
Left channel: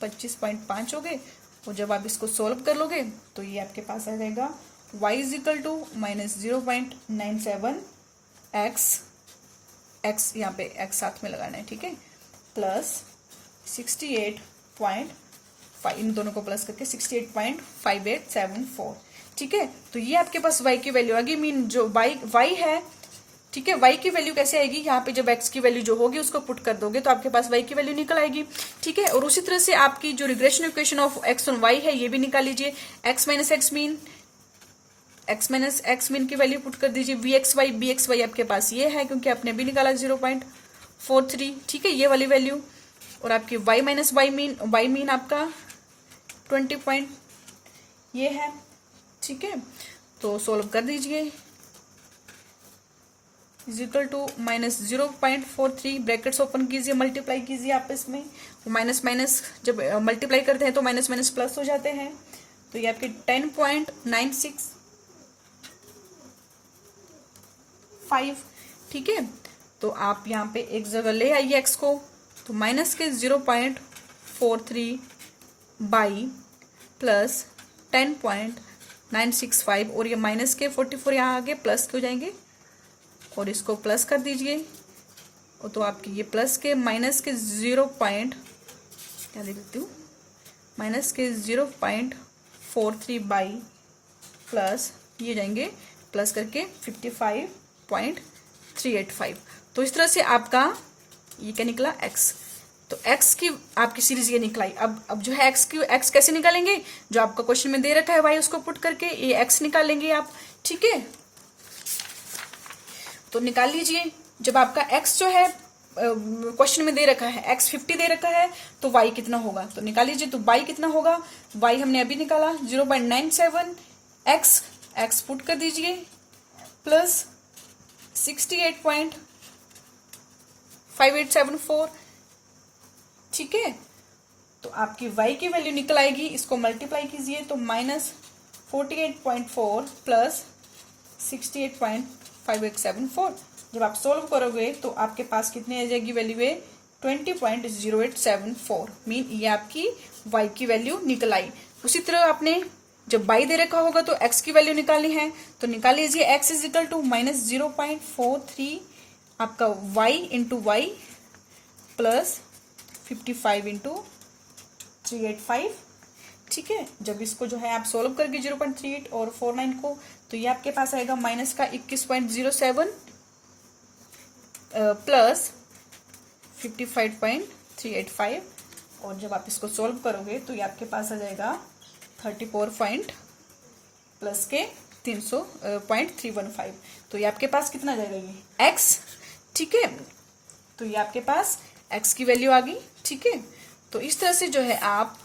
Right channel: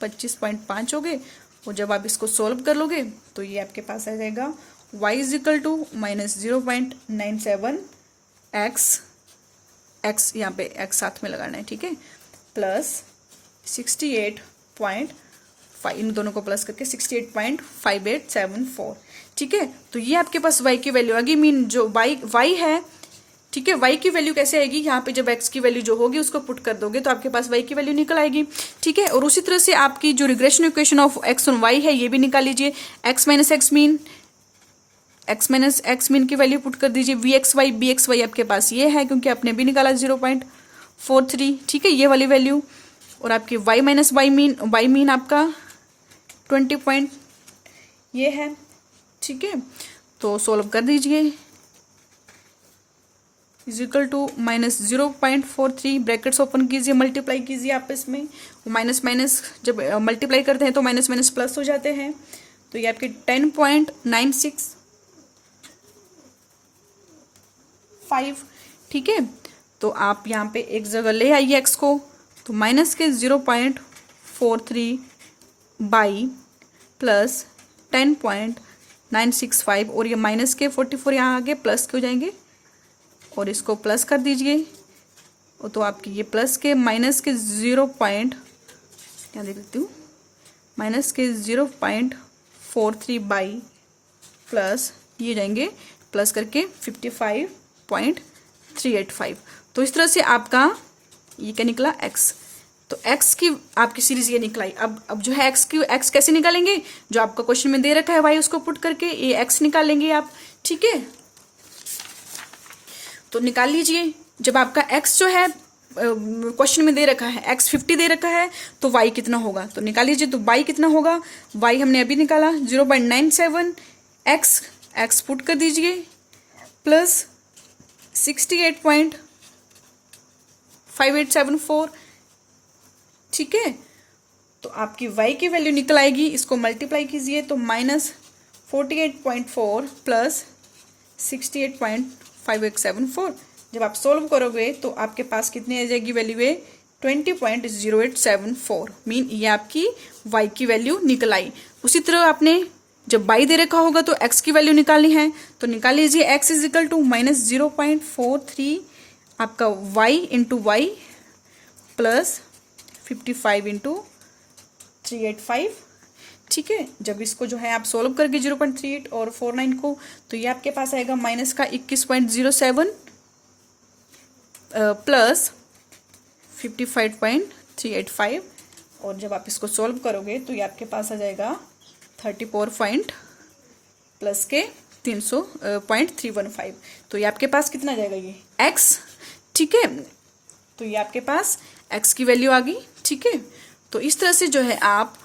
25.5 हो गए, और जब आप इसको सॉल्व कर लोगे तो ये आपके पास आ जाएगा y is equal to -0.97 x यहाँ पे x साथ में लगाना है, ठीक है, प्लस 68.5, इन दोनों को प्लस करके 68.5874, ठीक है। तो ये आपके पास y की वैल्यू आ गई। मीन जो y है, ठीक है, y की वैल्यू कैसे आएगी, यहाँ पे जब x की वैल्यू जो होगी उसको पुट कर दोगे तो आपके पास y की वैल्यू निकल आएगी, ठीक है। और उसी तरह से आपकी जो रिग्रेशन इक्वेशन ऑफ x और y है ये भी निकाल लीजिए। x माइनस एक्स मीन की वैल्यू पुट कर दीजिए। vxy bxy आपके पास ये है क्योंकि आपने भी निकाला 0.43, ठीक है, ये वाली वैल्यू। और आपकी y माइनस वाई मीन आपका 20 ये है, ठीक है। तो सोल्व कर दीजिए, is equal to -0.43, brackets open कीजिए, मल्टीप्लाई कीजिए आपस में। माइनस माइनस जब मल्टीप्लाई करते हैं तो माइनस माइनस प्लस हो जाते हैं, तो ये आपके 10.965, ठीक है। तो आप यहाँ पे एक जगह ले आइए एक्स को, तो माइनस के 0.43 बाई प्लस 10.965, और ये माइनस के 44 यहाँ आगे प्लस के हो जाएंगे, और इसको प्लस कर दीजिए। तो आपकी ये प्लस के माइनस के क्या दे देती हूँ, माइनस के 0.43 बाई प्लस ये जाएंगे प्लस करके 55.385। तो इस तरह से आपका ये क्या निकला x। तो x की आपकी सीरीज ये निकलाई। अब जो है x कैसे निकालेंगे, जो आपका क्वेश्चन में दे रखा है y उसको पुट करके ये x निकाल लेंगे आप, ठीक है। तो निकाल लीजिए। जब आपका x जो है क्वेश्चन में दे रखा है x 50 दे रखा है तो y कितना होगा, तो निकाल लीजिए। तो y कितना होगा, y हमने अभी निकाला 0.97, x पुट कर दीजिए प्लस 68.5874, ठीक है। तो आपकी y की वैल्यू निकल आएगी, इसको मल्टीप्लाई कीजिए तो -48.4 प्लस 68.5874। जब आप सोल्व करोगे तो आपके पास कितनी आ जाएगी वैल्यू है 20.0874, मीन ये आपकी y की वैल्यू निकल आई। उसी तरह आपने जब y दे रखा होगा तो x की वैल्यू निकालनी है, तो निकाल लीजिए। x इज इक्वल टू -0.43 आपका y into y plus 55 into 385, ठीक है। जब इसको जो है आप सोल्व करके 0.38 और 49 को, तो ये आपके पास आएगा माइनस का 21.07 प्लस 55.385, और जब आप इसको सोल्व करोगे तो ये आपके पास आ जाएगा 34 प्लस के 300.315। तो ये आपके पास कितना आ जाएगा ये x, ठीक है। तो ये आपके पास x की वैल्यू आ गई, ठीक है। तो इस तरह से जो है आप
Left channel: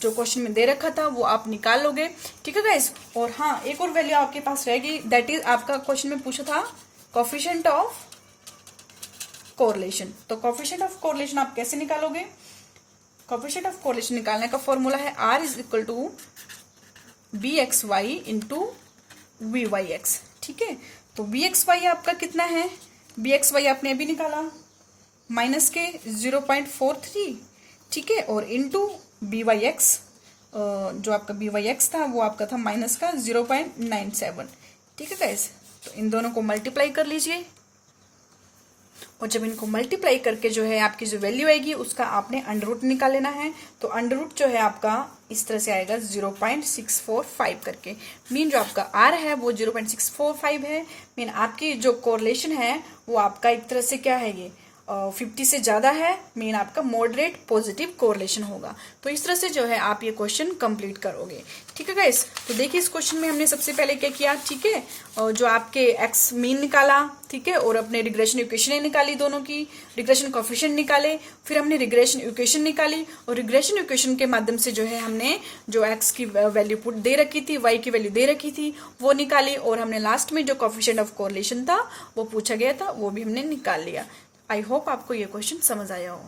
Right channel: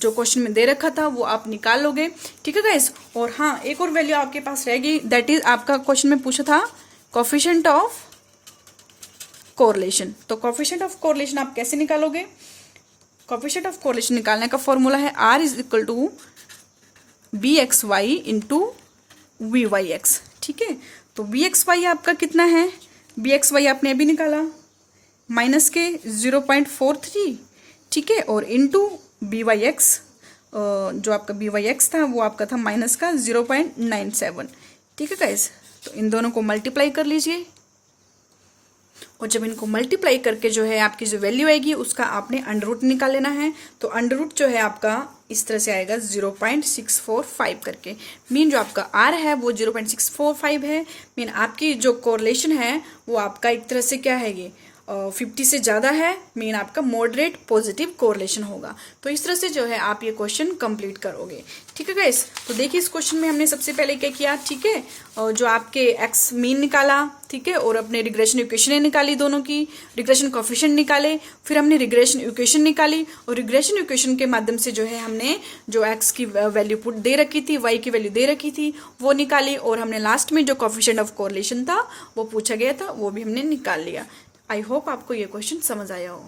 जो क्वेश्चन में दे रखा था वो आप निकाल लोगे, ठीक है गाइस। और हाँ, एक और वैल्यू आपके पास रहेगी, दैट इज आपका क्वेश्चन में पूछा था कोफिशिएंट ऑफ कोरिलेशन। तो कोफिशिएंट ऑफ कोरिलेशन आप कैसे निकालोगे, कोफिशिएंट ऑफ कोरिलेशन निकालने का फॉर्मूला है r is equal to bxy into vyx, ठीक है। तो bxy आपका कितना है, bxy आपने अभी निकाला माइनस के 0.43, ठीक है, और इंटू byx जो आपका byx था वो आपका था माइनस का 0.97, ठीक है गाइस। तो इन दोनों को मल्टीप्लाई कर लीजिए, और जब इनको मल्टीप्लाई करके जो है आपकी जो वैल्यू आएगी उसका आपने अंडर रूट निकाल लेना है। तो अंडर रूट जो है आपका इस तरह से आएगा 0.645 करके, मीन जो आपका r है वो 0.645 है। मीन आपकी जो कोरिलेशन है वो आपका एक तरह से क्या है, ये 50 से ज्यादा है, मीन आपका मॉडरेट पॉजिटिव कोरिलेशन होगा। तो इस तरह से जो है आप ये क्वेश्चन कंप्लीट करोगे। ठीक है गाइस, तो देखिए इस क्वेश्चन में हमने सबसे पहले क्या किया, ठीक है, और जो आपके एक्स मीन निकाला, ठीक है, और अपने रिग्रेशन इक्वेशन निकाली, दोनों की रिग्रेशन कोएफिशिएंट निकाले, फिर हमने रिग्रेशन इक्वेशन निकाली, और रिग्रेशन इक्वेशन के माध्यम से जो है हमने जो एक्स की वैल्यू पुट दे रखी थी, वाई की वैल्यू दे रखी थी, वो निकाली, और हमने लास्ट में जो कोएफिशिएंट ऑफ कोरिलेशन था वो पूछा गया था, वो भी हमने निकाल लिया। आई होप आपको ये क्वेश्चन समझ आया हो।